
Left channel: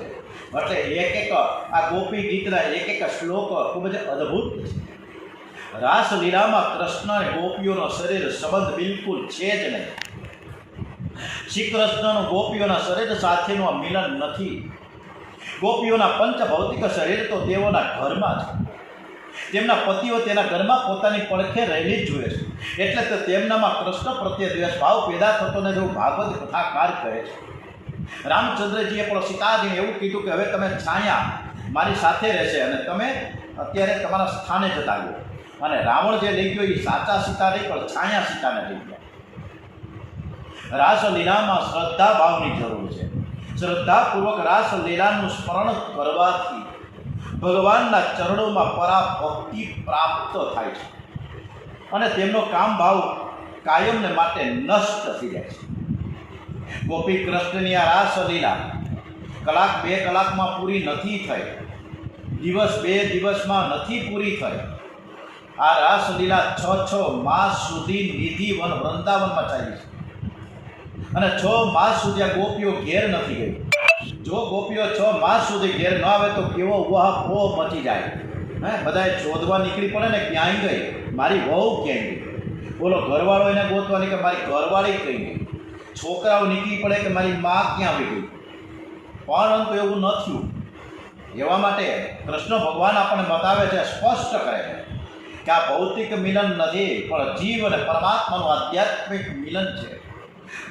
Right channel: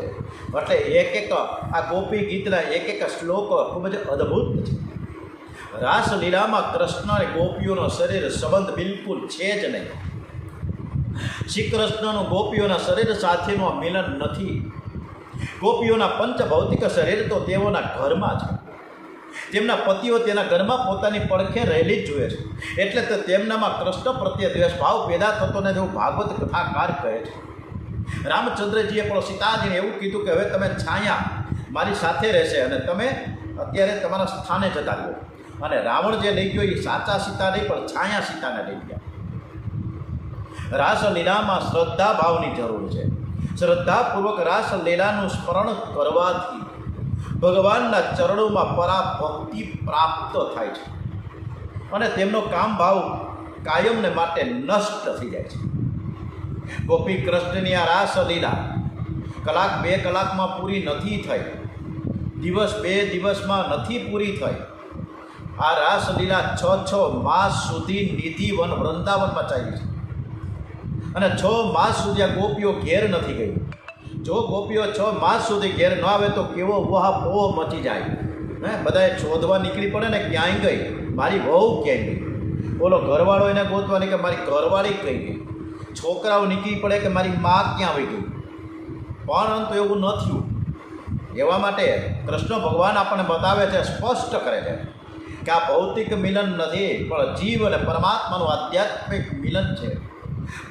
એટલે એક આ ગોપી ગીતના એક શ્લોક ખૂબ જ અદ્ભુત છે. રાસલીલામાં કૃષ્ણ અને ગોપીઓનો શરીર સંબંધ બિલકુલ છે જ નહીં. શ્રી કૃષ્ણનું ગોપીઓના શરીર સાથેનું મિલન નથી. ગોપીઓના પંચભૌતિક શરીર તો તેઓના ઘરમાં છે. તેમના પતિઓ તેના ઘરમાં પોતાની પડખે રહેલી જ જોઈએ છે. એટલે તો તેમનામાં કૃષ્ણ પ્રત્યે દ્વેષ ભાવ પેદા થતો ને જેવું ભાગવત કથાકાર કહે છે. રામચંદ્રજીએ પણ સીતાજીને એવું કીધું કે હવે તમે છાયા મારી સાથે રહેશે અને તમે અત્યારે તમારા સ્થાને જતા રહ્યો. અને રાવણ જે લઈ ગયો એ સાચા સીતા નહીં પણ છાયા સીતાને લઈ ગયા. રાસલીલામાં શ્રદ્ધા ભાવની જરૂર છે. શ્રદ્ધાપૂર્વક રાસલીલાનું સ્મરણ કરવાથી ભગવાનના ચરણોમાં પરાભક્તિ પ્રાપ્ત થાય છે અને તેમનો કામ ભાવ કાયમને માટે નષ્ટ થઈ જાય છે. ગોપી કૃષ્ણની આ રાસલીલા કલાક 2 કલાકમાં પૂરી નથી થઈ, દિવસ 2 દિવસમાં નથી પૂરી થઈ. આ રાસલીલા 6 માસ સુધી નિધિવન વૃંદાવનમાં ચાલી છે અને 6 માસ સુધી આ ગોપીઓ ઘેર નથી ગઈ. જો ગોપીઓ 6 માસ સુધી ઘેર ન આવે તો કેવો ઉહાપોહ મચી જાય. બધાએ શોધવા નીકળી પડે ને ક્યાંય ગઈ, મારી વહુ ક્યાંય ગઈ, બોલો ઘરવાળો એને ગોતવાની કે મારી ઘરવાળી કઈ ગઈ. છોકરાઓ નીકળી પડે કે મારી માં ક્યાં વહી ગઈ, પરંતુ એવું ન થયું. એવા માટે કૃષ્ણ ભગવાન આપણને બતાવે છે, સ્પષ્ટ કરે છે કે આ ભૌતિક મિલન નથી, પણ જીવ અને પરમાત્માનું આધ્યાત્મિક મિલન છે.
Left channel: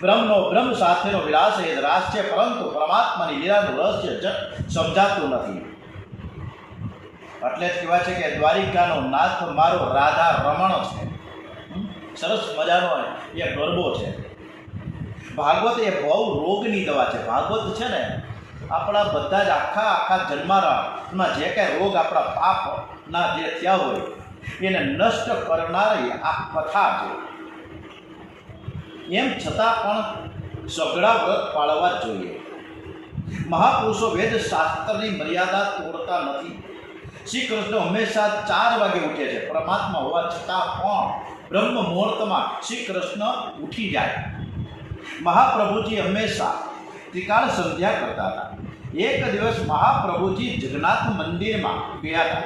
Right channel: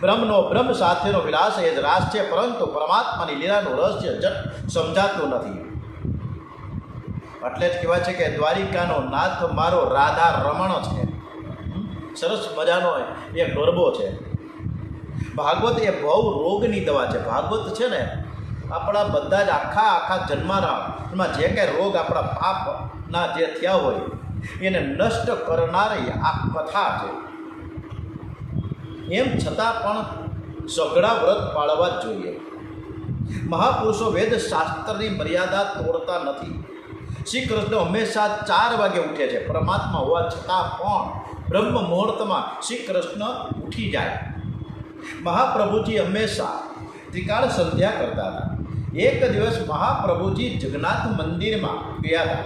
બ્રહ્મનો બ્રહ્મ સાથેનો વિલાસ એ જ રાસ છે, પરંતુ પરમાત્માની લીલાનું રહસ્ય જટ સમજાતું નથી. એટલે જ કહેવાય છે કે દ્વારિકાનો નાથ મારો રાધા રમણ છે. સરસ મજાનો એ ગરબો છે. ભાગવત એ બહુ રોગની દવા છે. ભાગવત છે ને આપણા બધા જ આખા જન્મારામાં જે કાંઈ રોગ આપણા પાપના જે થયા હોય એને નષ્ટ કરનારી આ કથા છે. એમ છતાં પણ સઘળા વ્રત પાળવા જ જોઈએ. મહાપુરુષો વેદ શાસ્ત્રની મર્યાદા તોડતા નથી. શ્રી કૃષ્ણ હંમેશા 4 વાગે ઉઠે છે. પરમાત્મા હોવા છતાં પણ બ્રહ્મ મુહૂર્તમાં શ્રી કૃષ્ણ ઉઠી જાય. મહાપ્રભુજી હંમેશા ત્રિકાળ સંધ્યા કરતા હતા. એક દિવસ મહાપ્રભુજી જગન્નાથ મંદિરમાં ગયા હતા.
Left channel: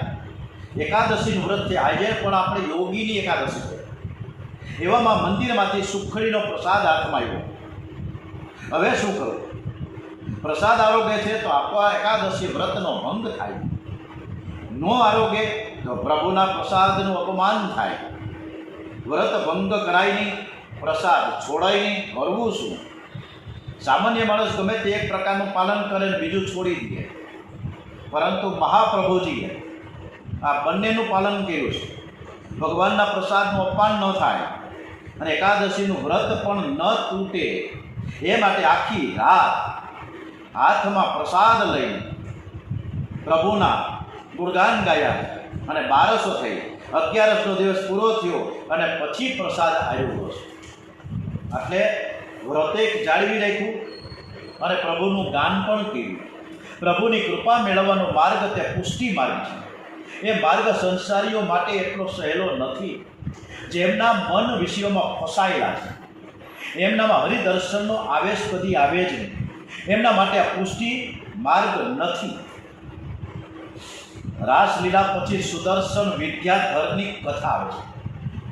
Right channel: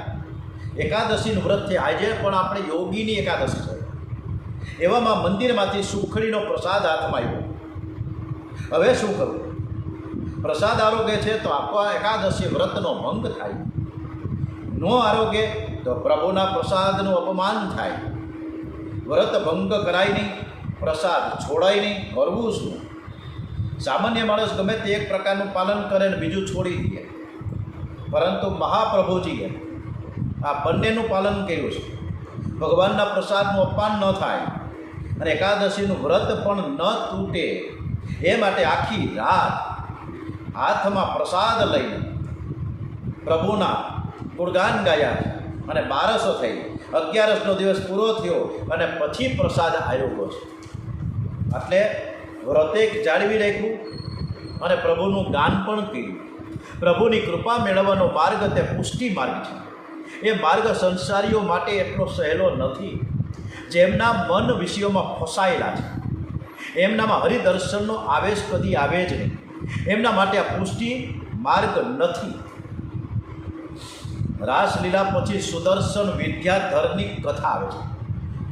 એકાદશીનું વ્રત છે. આજે પણ આપણે યોગીની એકાદશી છે. એવામાં મંદિરમાંથી સુખડીનો પ્રસાદ હાથમાં આવ્યો. હવે શું કરવું? પ્રસાદ આરોગે છે તો આપણા એકાદશી વ્રતનો ભંગ થાય, નો આરોગે તો પ્રભુના પ્રસાદનું અપમાન થાય. વ્રત ભંગ કરાય નહીં, પ્રસાદ છોડાય નહીં, કરવું શું? સામાન્ય માણસ ગમે તે એક પ્રકારનું પાલન કરે ને બીજું છોડી દે, પરંતુ મહાપ્રભુજીએ આ બંનેનું પાલન કર્યું છે. ભગવાનના પ્રસાદનું અપમાન ન થાય અને એકાદશીનું વ્રત પણ ન તૂટે એ માટે આખી રાત હાથમાં પ્રસાદ લઈને પ્રભુના ગુણગાન ગાયા અને 1200 થઈ. 11નો દિવસ પૂરો થયો અને પછી પ્રસાદ આવ્યો છે. એટલે વ્રતે જાળવી રાખ્યું અને પ્રભુનું ગાન પણ કર્યું. પ્રભુની કૃપા મેળવવાનો માર્ગ તે પુષ્ટિ માર્ગ છે. એ માર્ગ સંસારીઓ માટે એટલો સહેલો નથી. જેમના મન વિષયોમાં ફસાયેલા છે, એમનામાં હરિદર્શનનો આવેશ કદી આવે જ નહીં. એમના માટે આ પુષ્ટિ માર્ગ નથી. રાસલીલા પછી સુદર્શન વિદ્યાધરની કથા આવે છે.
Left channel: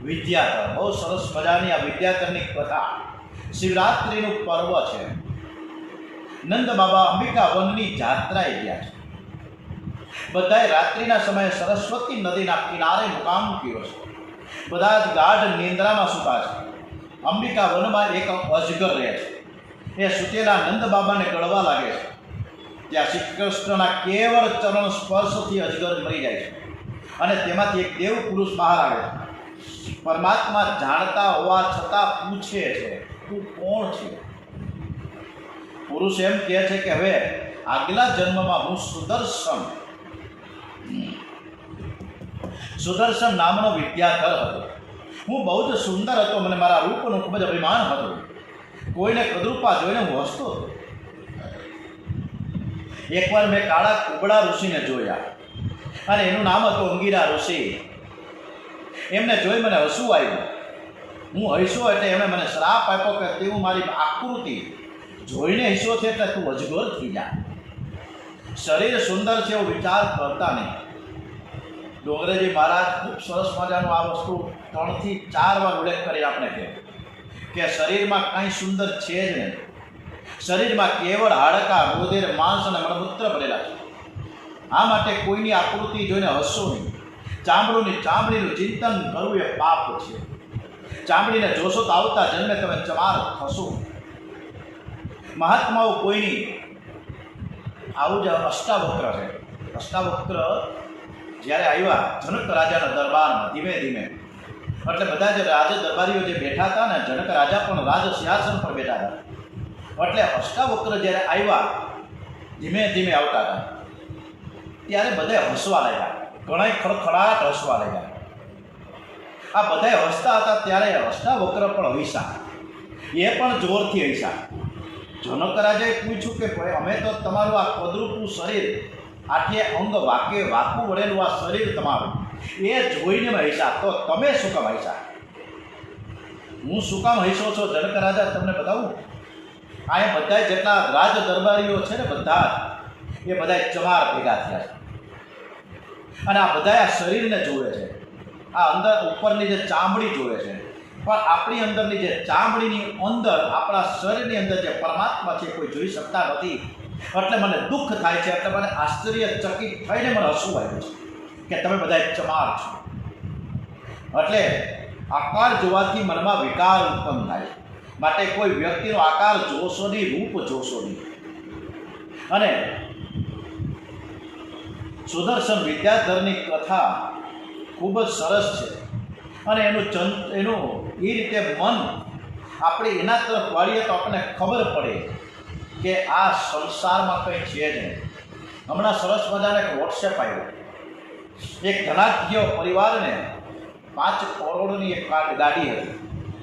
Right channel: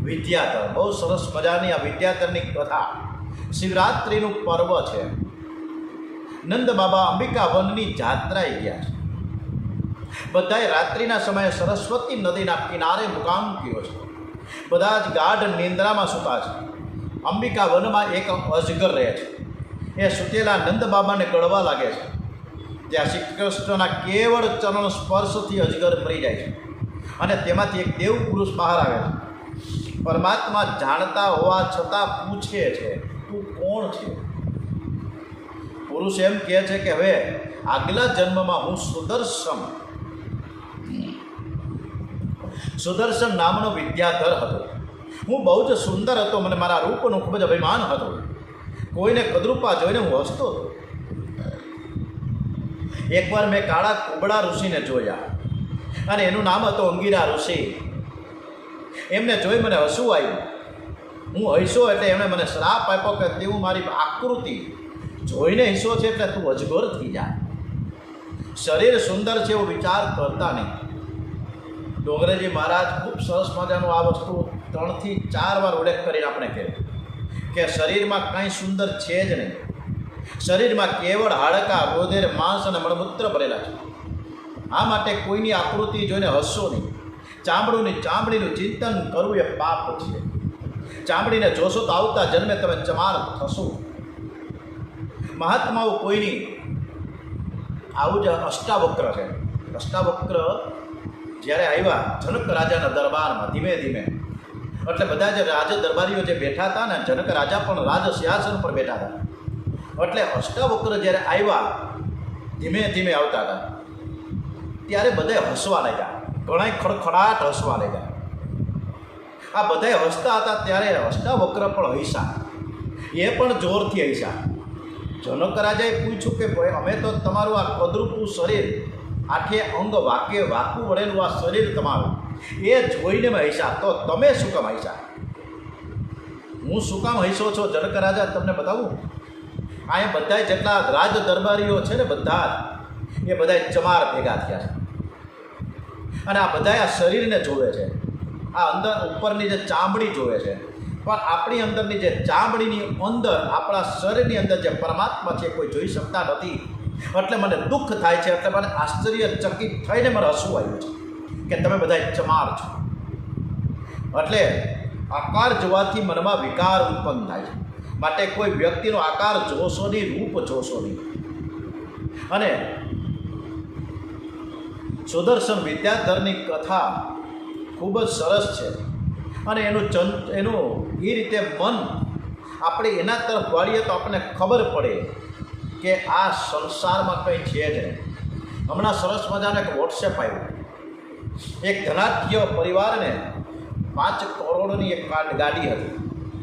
વિદ્યાધર બહુ સરસ મજાની આ વિદ્યાધરની કથા. શિવરાત્રિનું પર્વ છે. નંદ બાબા અંબિકા વનની જાત્રાએ ગયા છે. બધાએ રાત્રિના સમયે સરસ્વતી નદીના કિનારે મુકામ કર્યો છે. બધા જ ગાઢ નિંદ્રામાં સૂતા છે. અંબિકા વનમાં એક અજગર રહે છે. એ સૂતેલા નંદ બાબાને ગળવા લાગે છે. ત્યાં શ્રી કૃષ્ણના કેવળ ચરણ સ્પર્શથી અજગર મરી જાય છે અને તેમાંથી એક દેવ પુરુષ બહાર આવે છે. પરમાત્મા જાણતા હોવા છતાં પૂછે છે, તું કોણ છે? પુરુષ એમ કહે છે કે હવે આગલા જન્મમાં હું સુદર્શન નામનો વિદ્યાધર હતો. હું બહુ જ સુંદર હતો. મને મારા રૂપનું ખૂબ જ અભિમાન હતું. કોઈને કદરૂપા જોઈને હું હસતો હતો. એકવાર મેં કાળા કુબડા ઋષિને જોયા અને એનું નામ હતું અંગીરા ઋષિ. એમને જોઈ મને હસવું આવ્યું. હું હસ્યો એટલે એમણે મને શ્રાપ આપ્યો કે તેવું મારી આકૃતિ જોઈને હસ્યો છે એટલે તું અજગર થઈ જા. શરીર સુંદર છે એવો વિચાર કરતા નહીં. ડોંગરેજી મહારાજ ખૂબ સરસ મજાનું આ વસ્તુ 3 થી 4 વાર ઉલ્લેખ કરી આપણે કહે કે શરીરમાં કંઈ સુંદર છે જ નહીં. શરીરમાં કેવળ હાડકાં, રુધિર, માંસ અને મળમૂત્ર ભરેલા છે. આ માટે કોઈની આકૃતિ જોઈને હસશો નહીં. ચામડીનું ચિંતન કરવું એ પાપ છે. ચામડીને જોશો તો આવતા જન્મે તમે ચમાર થશો. મહાત્માઓ કોઈની આવું જ અષ્ટાવક્ર છે. અષ્ટાવક્ર જ્યારે આવ્યા જનક રાજાના દરબારમાં ધીમે ધીમે, એટલે બધા જ રાજ દરબારીઓ જે બેઠા હતા ને, જનક રાજા પણ રાજ સિંહાસન પર બેઠા હતા. એટલે અષ્ટાવક્ર જ્યારે આવ્યા ધીમે ધીમે આવતા હતા ત્યારે બધાએ હસવા લાગ્યા. ઘણા ખડખડાટ હસવા લાગ્યા. આ બધાએ હસતા હતા ત્યારે અષ્ટાવક્ર પણ હસ્યા. એ પણ જોરથી હસ્યા. જનક રાજાએ પૂછ્યું કે ભાઈ અમે તો તમારું આ કદરૂપું શરીર, આઠે અંગ વાકું વળેલું આ શરીર તમારું, એ જોઈને મેં હસ્યા, તો તમે શું કામ હસ્યા? હું શું કામ હસ્યો છો જનક રાજા તમને બતાવું. આ બધા જેટલા રાજ દરબારીઓ છે ને, બધા એ બધા ચમાર ભેગા થયા છે અને આ બધા આ શરીરને જોવે છે. આ અંદર ઉપરની જે ચામડી જોવે છે. પણ આપણી અંદરની જે ચામડીની અંદર, આપણા શરીરની અંદર જે પરમાત્મા છે કોઈ જોઈ શકતા નથી. એટલે મને દુઃખ થાય છે, એટલે મને આશ્ચર્યચકિત થઈને મને હસવું આવ્યું છે કે તમે બધા ચમાર છો. એટલે આકાર જોવાથી મનમાં વિકાર ઉત્પન્ન થાય છે. માટે કોઈ વ્યક્તિનો આકાર જોશો નહીં, રૂપ જોશો નહીં. અને સુદર્શન વિદ્યાધરની કથા ખૂબ જ સરસ છે. અને એનું એ રીતે મન આપણે એના તરફ વાળીએ તો આપણને ખબર પડે કે આ સંસારમાં કંઈ છે જ નહીં. હમણાં સરસ મજાનો એક વોટ્સએપ આવ્યો. એક ધનાઢ્ય પરિવારને 5 કરોડની એક ગાડી હતી,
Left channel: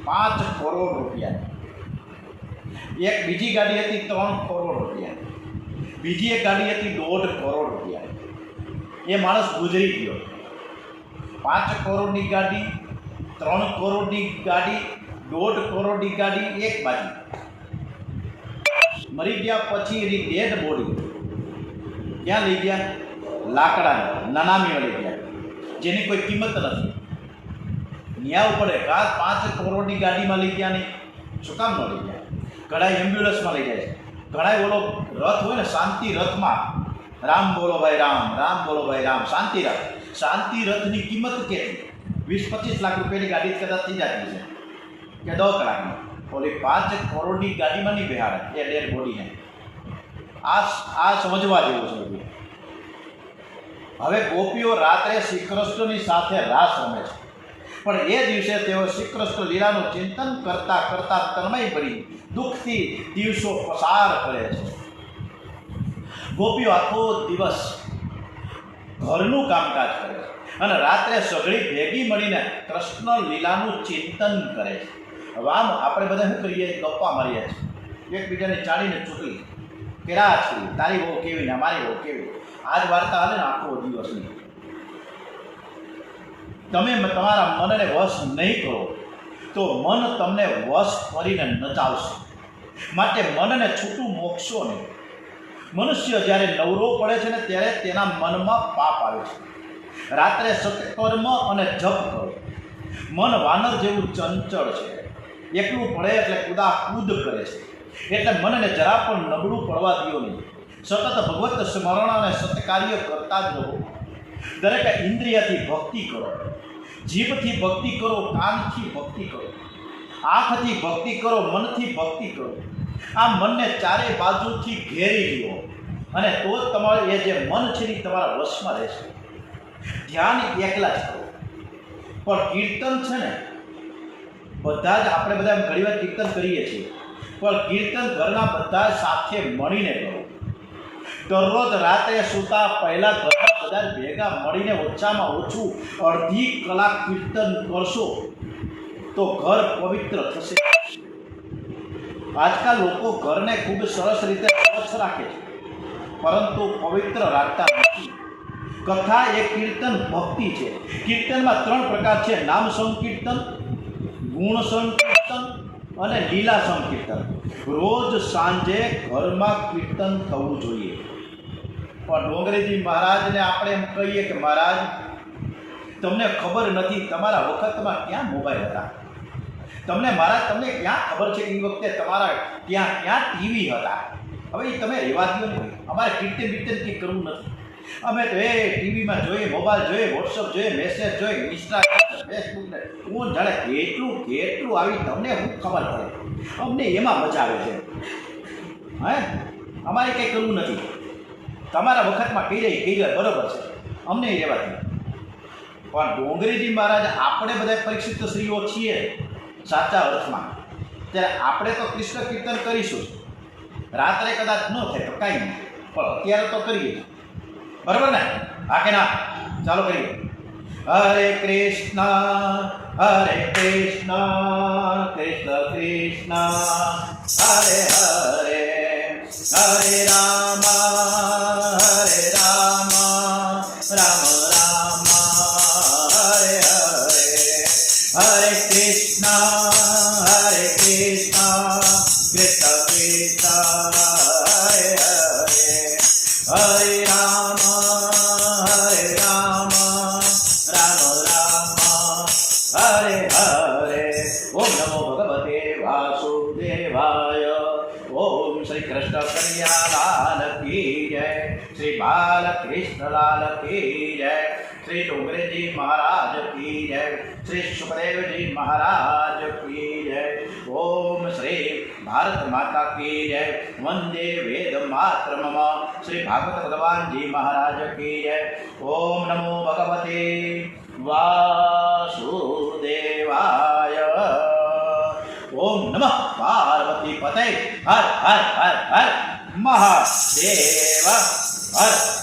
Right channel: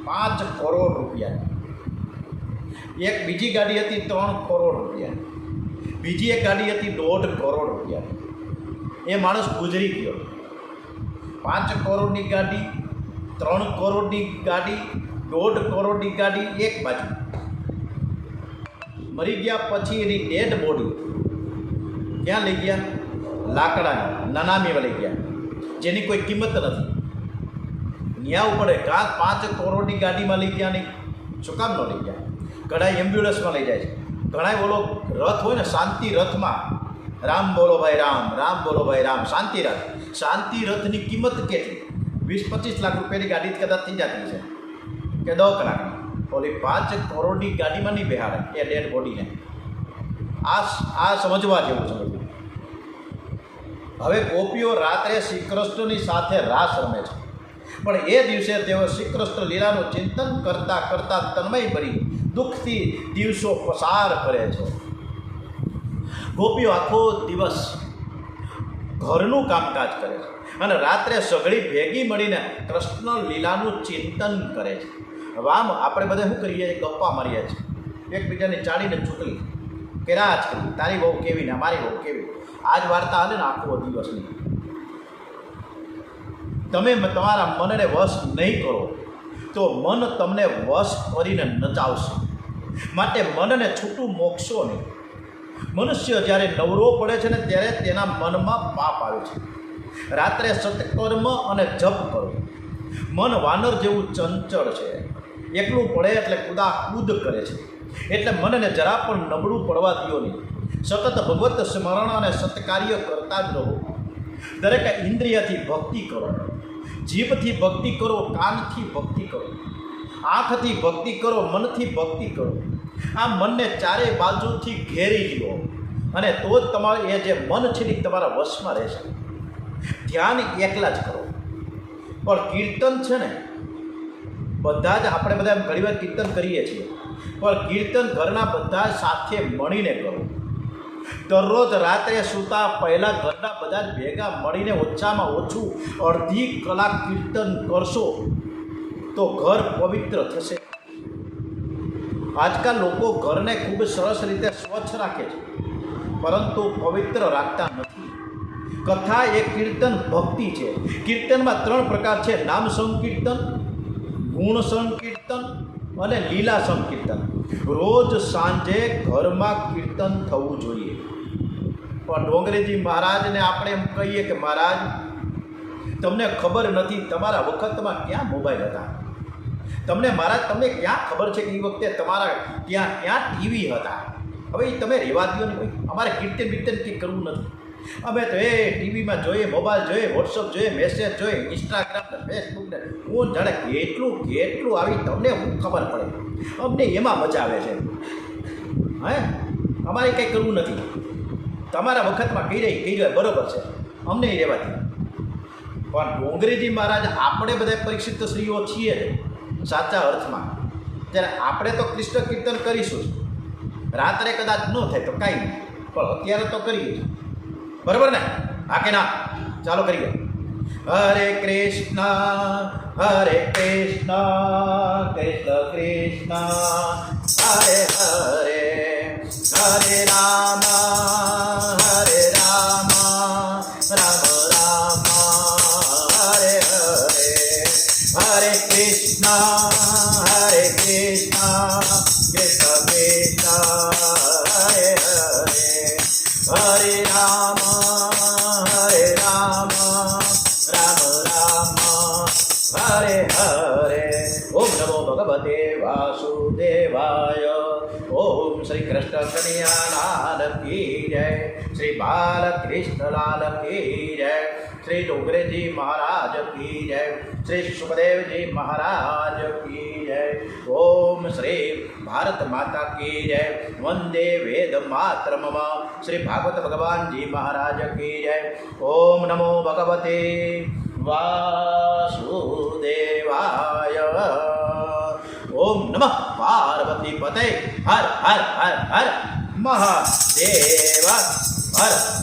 5 કરોડ રૂપિયાની. એક બીજી ગાડી હતી 3 કરોડ રૂપિયાની. બીજી એક ગાડી હતી 1.5 કરોડ રૂપિયાની. એ માણસ ગુજરી ગયો. 5 કરોડની ગાડી, 3 કરોડની ગાડી, 1.5 કરોડની ગાડી એક બાજુ. મરી ગયા પછી એની ડેડ બોડી ક્યાં લઈ ગયા? લાકડાની નાનામીમાં લઈ ગયા, જેની કોઈ કિંમત નથી. ન્યાય પડે કાં 5 કરોડની ગાડીમાં લઈ ગયા નહીં, શું કામ ન લઈ ગયા? ઘણા એમ્બ્યુલન્સમાં લઈ જાય છે. ઘણા ઓલો રથ હોય ને, શાંતિ રથમાં રામ બોલો ભાઈ રામ, રામ બોલો ભાઈ રામ, શાંતિ રથ. શાંતિ રથની કિંમત કેટલી? 20-25 લાખ રૂપિયાની ગાડી કદાચ થઈ જતી છે કે 10 કલાકની. ઓલી 5 કરોડની ગાડીમાં નહીં બેહાડે એ ડેડ બોડીને. આ સમજવા જેવું છે બધું. હવે ગોપીઓ રાત્રે શ્રી કૃષ્ણની સાથે રાસ રમે છે, પણ એ દિવસે તેઓ શ્રી કૃષ્ણ લીલાનું ચિંતન કરતાં કરતાં તન્મય ભરી દુઃખથી દિવસો પસાર કરે છે. ગોપીઓ આખો દિવસ ઘરનું કામકાજ કરે છે અને રાત્રે સઘળી ભેગી મળીને કૃષ્ણ લીલાનું ચિંતન કરે છે. હવે આમ આપણે બધા શું કરીએ? ગપ્પા મારીએ છીએ, એકબીજાને ચાળીને ચૂકલી કે રાજ કરી, તારી બહુ કેવી ને મારી બહુ કેવી. આ જ વાર્તા હાલે ને આખો દિવસની. તમે તમારા મનને વશ નહીં કરો તો મન તમને વશ કરીને નચાવશે. માટે મનને છૂટું મોકશો નહીં. મનુષ્ય જ્યારે નવરો પડે છે ને ત્યારે તેના મનમાં પાપ આવે છે. રાત્રે સત્કર્મ અને જપ કરો. મન વાનર જેવું ચંચળ છે, એકલું પડે એટલે કૂદાકૂદ કરે છે. એટલે મનને જરા પણ નબળું પડવા દો નહીં. સતત ભગવત સ્મરણ અને સત્કાર્ય કરતા જ રહો. દરેક ઇન્દ્રિયથી ભક્તિ કરો. જીભથી ભક્તિ કરો, કાનથી ભક્તિ કરો, આંખથી ભક્તિ કરો, મનથી ભક્તિ કરો. આ મનને ચારેય બાજુથી ઘેરી લો અને તો જ તમારે એ જે મન છે એ તમારા વશમાં રહેશે. ધ્યાન એકલા જ કરો. પણ કીર્તન છે ને, બધા જ આપણે બધા ઘણી વાર કીર્તન કરીએ છીએ, પણ કીર્તન ઘરના બધા સાથે મળીને કરો. દરરોજ રાત્રે સૂતા પહેલાં ઘરના બધા ભેગા મળીને ઓછામાં ઓછું અડધી કલાક કીર્તન કરશો તો ઘર પવિત્ર થશે. આજકાલ લોકો ઘરને ખૂબ સરસ રીતે સ્વચ્છ રાખે છે, પરંતુ પવિત્ર રાખતા નથી. કથા એ કીર્તન ભક્તિ છે. કીર્તનમાં 3 પ્રકાર છે: નામ સંકીર્તન, ગુણ સંકીર્તન અને લીલા સંકીર્તન. રોજ સાંજે ઘરમાં કીર્તન થવું જોઈએ. પણ ડોંગરેજી મહારાજને આપણે એમ કહીએ કે મહારાજ તમને ખબર નથી, તમારા વખતમાં ક્યાં મોબાઈલ હતા? તમને મહારાજ તમને ક્યાં ખબર છે કે એ વખતે તમારા ક્યાં ટીવી હતા? હવે એ તમે રહેવા દો ને ભાઈ. અમારે કીર્તન બીર્તન કંઈ કરવું નથી. અમે તો એ ટીવીમાં જોઈએ, મોબાઈલ જોઈએ, વોટ્સઅપ જોઈએ, મેસેજ જોઈએ, ઇન્સ્ટાગ્રામ, ફેસબુક ને હું જાણે કેટલું આવી તમને હું ખબર પડે. અમને એમાં મજા આવે છે. હે, અમારે કંઈ કરવું નથી. તમારા વખતમાં કહી રહી બરાબર છે, અમને રહેવાથી. પણ ડોંગરેજી મહારાજ આપણે બધા પરીક્ષિત સ્ત્રીઓ છીએ સાચા અર્થમાં. ત્યારે આપણે તો કૃષ્ણ કીર્તન કરીશું. રાત્રે કદાચ ન થાય તો કાંઈ નહીં, પણ અત્યારે તો કરીએ. બરાબર ને? હા કે ના? ચાલો કરીએ. હરે કૃષ્ણ કૃષ્ણ કૃષ્ણ હરે હરે, હરે રામ રામ રામ હરે હરે, હરે કૃષ્ણ કૃષ્ણ કૃષ્ણ હરે હરે, હરે રામ રામ રામ હરે હરે. વાસુદેવાય. ઓમ શ્રી કૃષ્ણ કનૈયાલાલ કી જય. શ્રી બાલકૃષ્ણલાલ કી જય. શ્રી ડોગરેજી મહારાજ કી જય. શ્રી સુખદેવજી મહારાજ કી જય. ઓમ શ્રી ભારત માતા કી જય. વંદે વેદ માતરમ. શ્રી ભાગવત ભગવાનજી મહારાજ કી જય. ઓમ નમો ભગવતે વાસુદેવાય. ઓમ નમઃ પાર્વતી પતે. હર હર હર હર મહાદેવ હર.